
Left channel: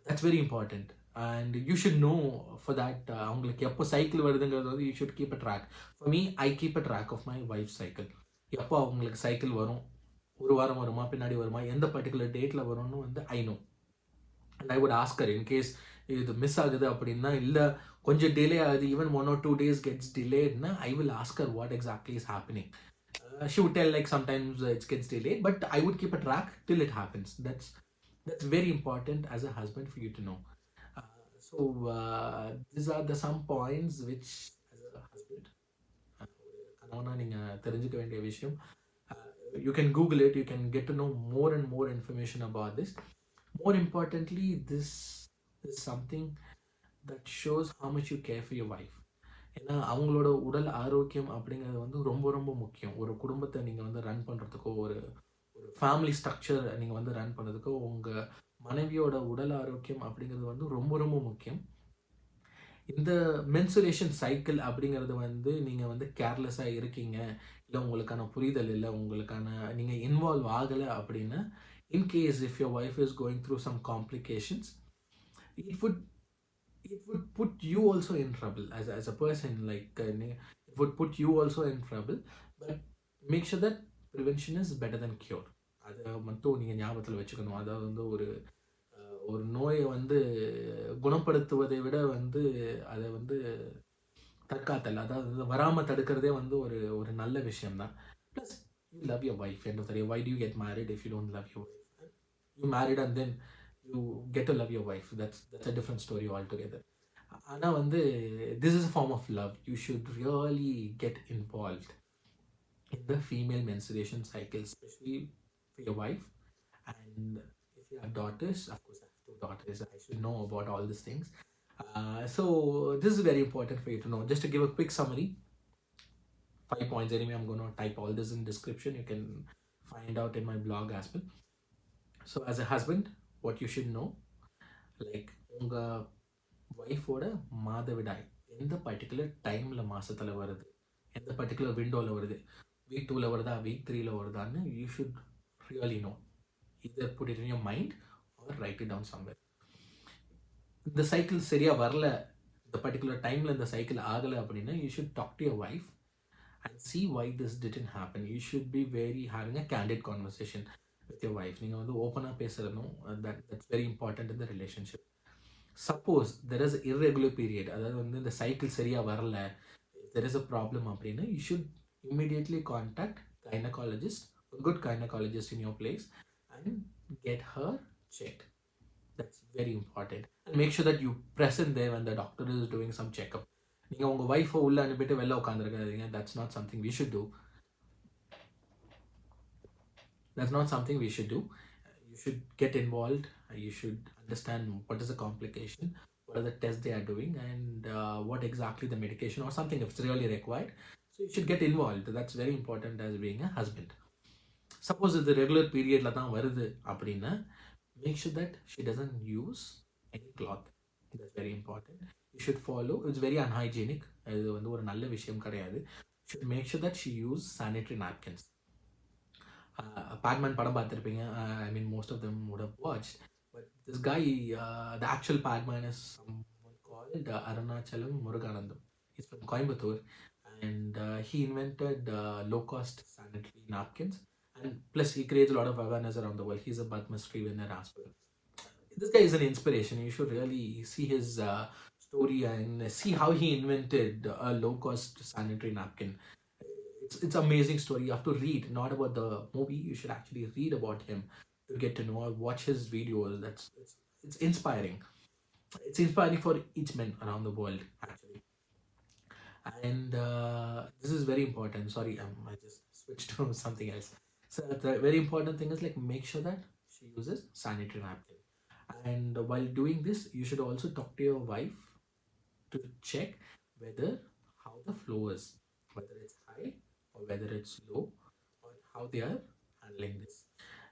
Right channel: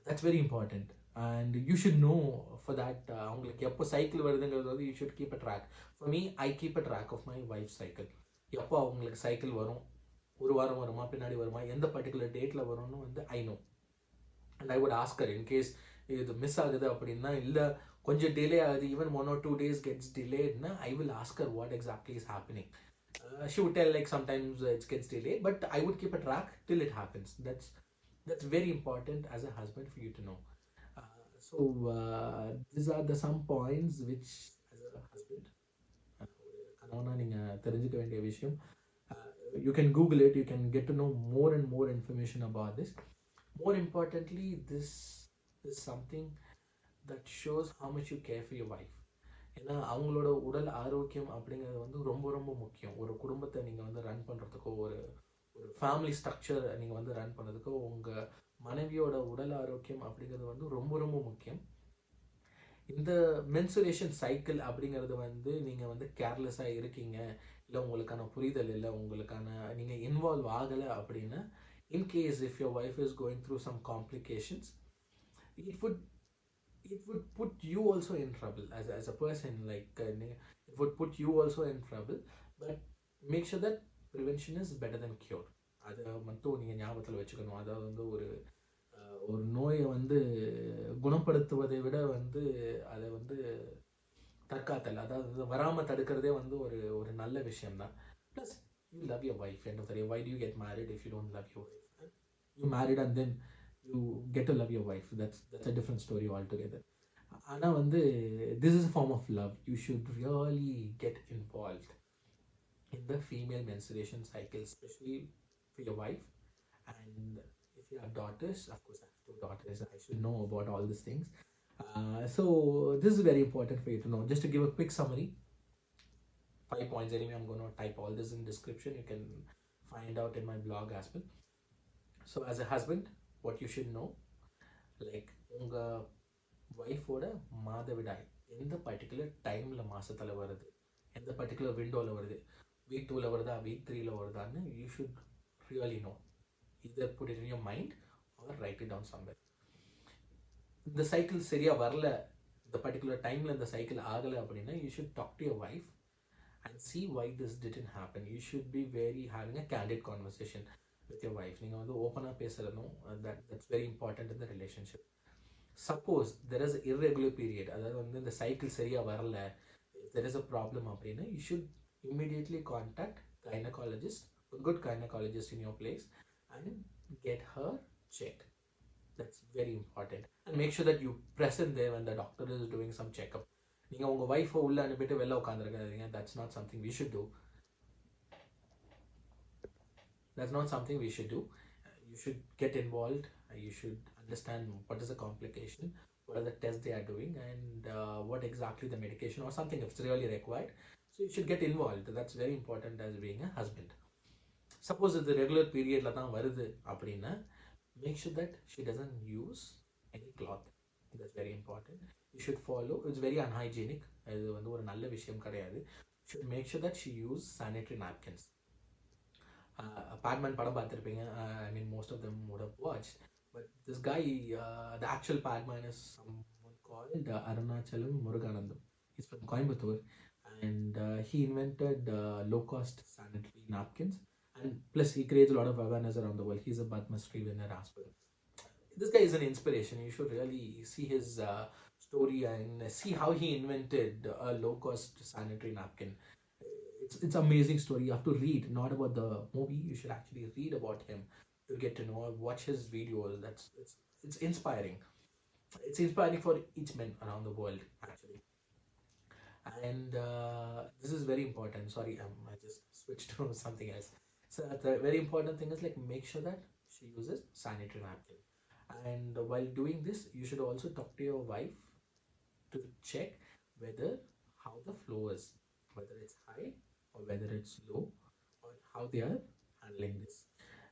That's very important, and you should know for that. அவங்களுக்கு எப்போ சைக்கிள் வருதுங்கிறது வந்து you should keep a track. For me, I keep a track of my wife's cycle. எப்போ அவங்களுக்கு சைக்கிள் வரும், ஒரு வாரம் வருமா, பின்னாடி வருமா, எந்த பர்டிகுலர் டேட்டில் வரும்னு வந்து I know. And I would ask her in case இது மிஸ் ஆகுது அப்படின்னா, இல்லை கொஞ்சம் டிலே ஆகுது, even 1 or 2 days gets delayed na, I will ask her what exactly is happening. She would tell like sometimes it gets delayed, but I would keep a track till it happens. That's very important as a husband for you to know. So these are the some points which as a husband கணவனா நீங்கள் தெரிஞ்சுக்க வேண்டிய விஷயம். You can Google it, you can get to know more and more information about this. More importantly, this is something that shows how much you care for your wife. ஏன்னா அவங்களோட உடல் ஆரோக்கியம் அப்படிங்கிறது வந்து ரொம்ப ரொம்ப முக்கியம். ஒரு குடும்பத்தை நீங்கள் வந்து ரன் பண்ணுறதுக்கோ, ஒரு ஃபேமிலி ஸ்ட்ரக்சர் நீங்கள் வந்து ரன் பண்ணுறதுக்கோ, உங்கள் மனைவியோட உடல் ஆரோக்கியம் அப்படிங்கிறது வந்து ரொம்ப ரொம்ப முக்கியம். இந்த மென்சுரேஷன் சைக்கிள் அப்படிங்கிறது வந்து நீங்கள் வந்து கேர்லெஸ்ஸாக இருக்கீங்க, இல்லை உங்களுக்கான புரிதல் இல்லை, உங்களுக்கான நீங்கள் இன்வால்வ் ஆகலை அப்படின்னா, in case if your wife is going through some complications, it would put you also in trouble as a person. It would put you also in trouble. But make sure that prevention is better than cure. அதை மட்டும் நீங்கள் ஞாபகத்தில் வச்சுக்கணும். அதாவது வந்து ஒரு நோயை வந்து குணப்படுத்துவதை விட வந்து அதை வந்து தற்காத்தல், அதாவது வந்து வராமல் தடுக்கிறதே வந்து ஒரு நல்ல விஷயம்தான். Plus you love your wife. End of the day, why do you get married if you don't love your wife? You married and then you get to love your wife. That's a different story altogether. ஆனால் வந்து this is a form of love. You should really get involved in the female menstruation cycle, especially for your wife. And if you have daughters, of course I have 2 daughters, I should know about all these things. So this is very important for you to know. Just to give a quick summary, 5 points anyway. I'm going to type all this in description. You can find out in my blog as well. So as a husband, what you should know, like உங்கள் ஒய்ஃபோட மாதவிடாய் எந்த பர்டிகுலர் டைமில் மாதத்தில் வருது, எந்த பர்டிகுலர் விண்டோவில் வருது, week 2ல் வருதா, week 3ல் வருதான்னு you should really know. Either put it in your mind or write it down somewhere. இந்த சைக்கிள் சரியா வரல, இந்த பர்டிகுலர் டைம்ல இந்த சைக்கிள் ஆகல அப்படின்னா, you should talk to your wife and see why this didn't happen. You should be very having a candid conversation with your wife. நீங்க வந்து ஓப்பனா பேசணும். That's very important in the relationship. Suppose there is irregular period, அதாவது வந்து இந்த சைக்கிள் சரியா வரல, if there is a problem அப்படின்னா, you should immediately contact gynecologist, a good gynecologist in your place, and get her checked. That's very important. And make sure that you present there when the doctor is doing some checkup. நீங்கள் உங்கள் ஒய்ஃபை உள்ளே அனுப்பிட்டு வெளில உட்காந்துருக்காதீங்க. That's not something we should do. That's not something we should do. You should get involved. You should understand what is the complication, what are the tests they are doing, and what exactly the medication or something if it's really required. So you should get involved. That's very important as being a husband. Suppose the regular period தான் வருது அப்படின்னா, make sure that she doesn't use any cloth. That's very important. You should follow. It's very unhygienic. அது வந்து ஒரு நல்ல விஷயம் கிடையாது. You should make sure that she use sanitary napkins. Padman padam பார்த்திருப்பீங்க. I mean, most of them would have watched. But this guy, the actual Padman is someone called Arunachalam Muruganandam. He's from Coimbatore, and he invented low-cost sanitary napkins. And plus, he creates a lot of awareness around the world. He's a Padma Shri winner as well. This guy is an inspiration. You should really see his story and see how he invented a low-cost sanitary napkin. It's amazing story. You have to read, not about the movie. You should actually read about him to get to know or watch his videos. It's inspiring. It's inspiring for each man around the world actually. And this is very important. Sorry, I just switched to something else. So the very important thing is like make sure that she uses sanitary napkin. And while doing this, you should also talk to your wife to check whether how the flow is, whether it's high or whether it's low, or how they are handling this.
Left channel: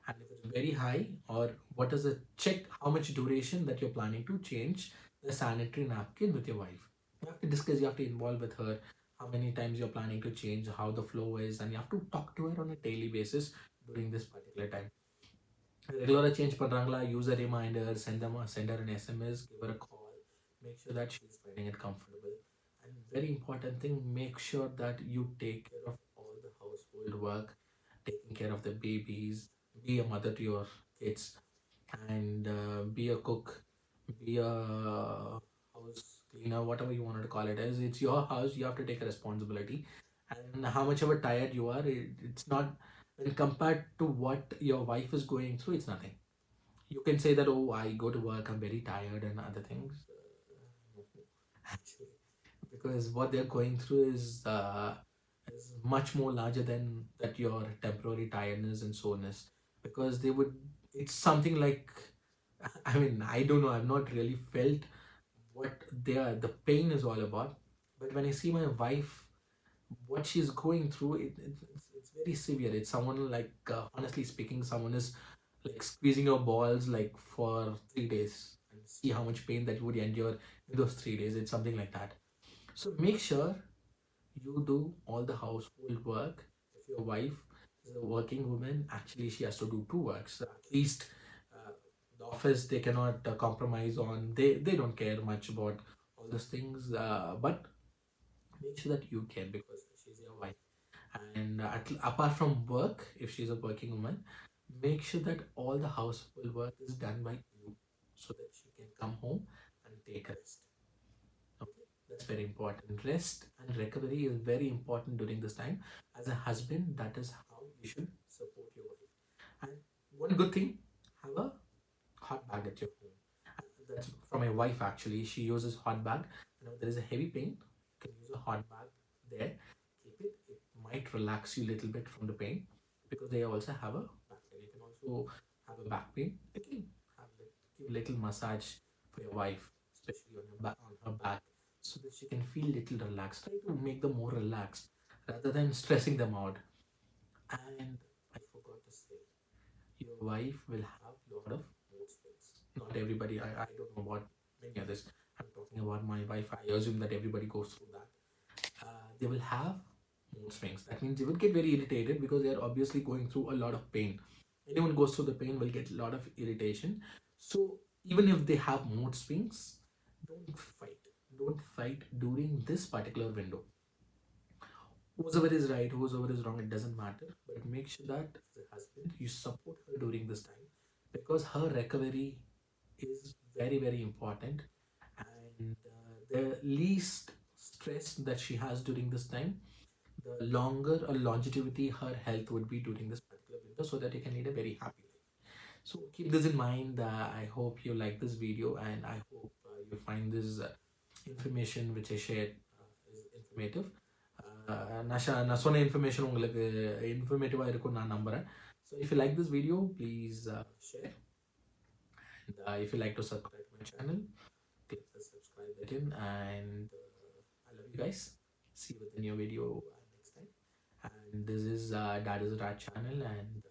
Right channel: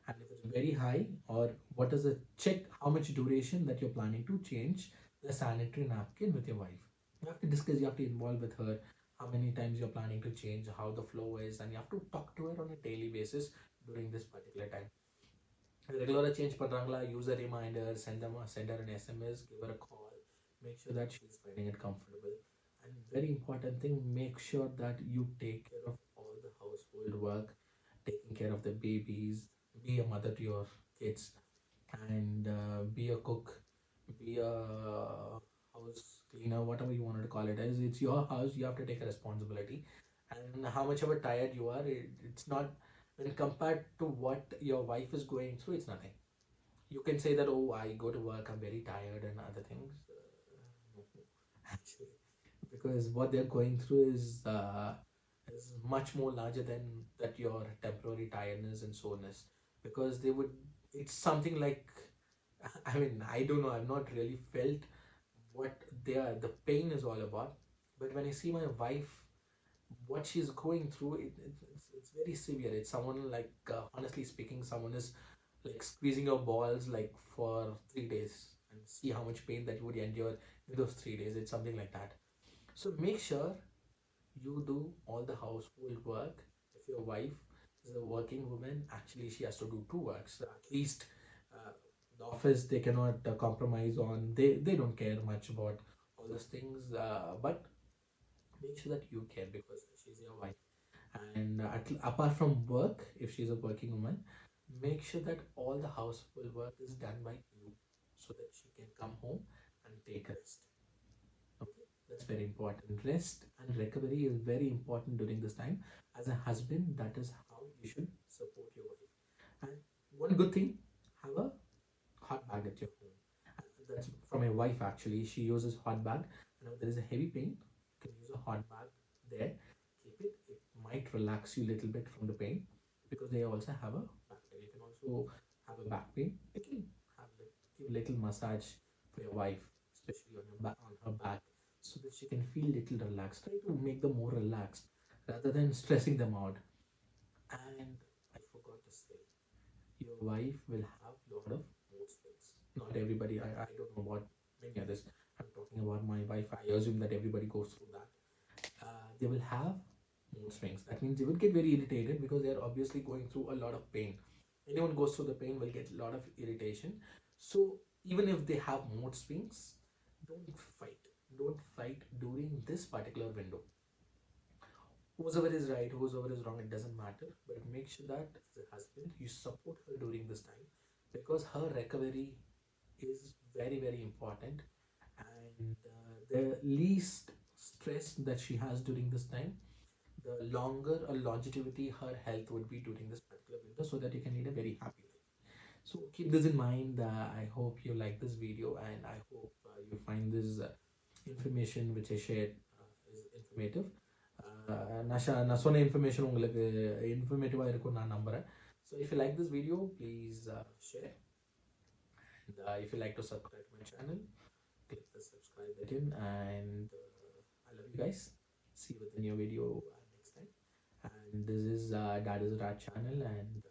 And if it's very high, or what is the check how much duration that you're planning to change the sanitary napkin with your wife. You have to discuss, you have to involve with her how many times you're planning to change, how the flow is, and you have to talk to her on a daily basis during this particular time. Regular change பண்றாங்களா, use a reminder, send her an SMS, give her a call, make sure that she's finding it comfortable. And very important thing, make sure that you take care of all the household work, taking care of the babies, be a mother to your kids, and be a cook, be a house cleaner, whatever you wanted to call it as. It's your house, you have to take a responsibility. And how much ever tired you are, it's not, when compared to what your wife is going through, it's nothing. You can say that, oh, I go to work, I'm very tired and other things. Actually, because what they're going through is much more larger than that your temporary tiredness and soreness. Because they would, it's something like, I mean, I don't know, I've not really felt what the pain is all about. But when I see my wife, what she's going through, it's very severe. It's someone like, honestly speaking, someone is like squeezing your balls like for 3 days, and see how much pain that you would endure in those 3 days. It's something like that. So make sure you do all the household work. If your wife is a working woman, actually she has to do two works. So at least the office they cannot compromise on. They don't care much about all those things. But make sure that you care because she's your wife. And apart from work, if she's a working woman, make sure that all the household work is done by you so that she can come home and take rest. Okay, that's very important. Rest and recovery is very important during this time. As a husband, that is how you should support your wife. And one good thing, have a hot bag at your home. And that's from my wife actually. She uses hot bag. Whenever there is a heavy pain, you can use a hot bag there. Keep it. It might relax you a little bit from the pain because they also have a back pain. You can also have a back pain. You can have give a little massage for your wife, especially on your back, on her back, so that she can feel little relaxed. Try to make them more relaxed rather than stressing them out. And I forgot to say, your wife will have a lot of mood swings. Not everybody, I don't know about many others. I'm talking about my wife. I assume that everybody goes through that. They will have mood swings. That means they will get very irritated because they are obviously going through a lot of pain. Anyone goes through the pain will get a lot of irritation. So even if they have mood swings, don't fight. Don't fight during this particular window. Whoever is right, whoever is wrong, it doesn't matter. But make sure that as a husband, you support her during this time, because her recovery is very, very important. And the least stress that she has during this time, the longer or longevity her health would be during this particular window, so that you can lead a very happy life. So keep this in mind. I hope you like this video, and I hope you find this information which I shared is informative. நான் சொன்ன இன்ஃபர்மேஷன் உங்களுக்கு இன்ஃபர்மேட்டிவாக இருக்கும்னு நான் நம்புகிறேன். So if you like this video, please share. And if you like to subscribe to my channel, click the subscribe button. And I love you guys. See you with a new video next time. And this is Dad is Rat channel, and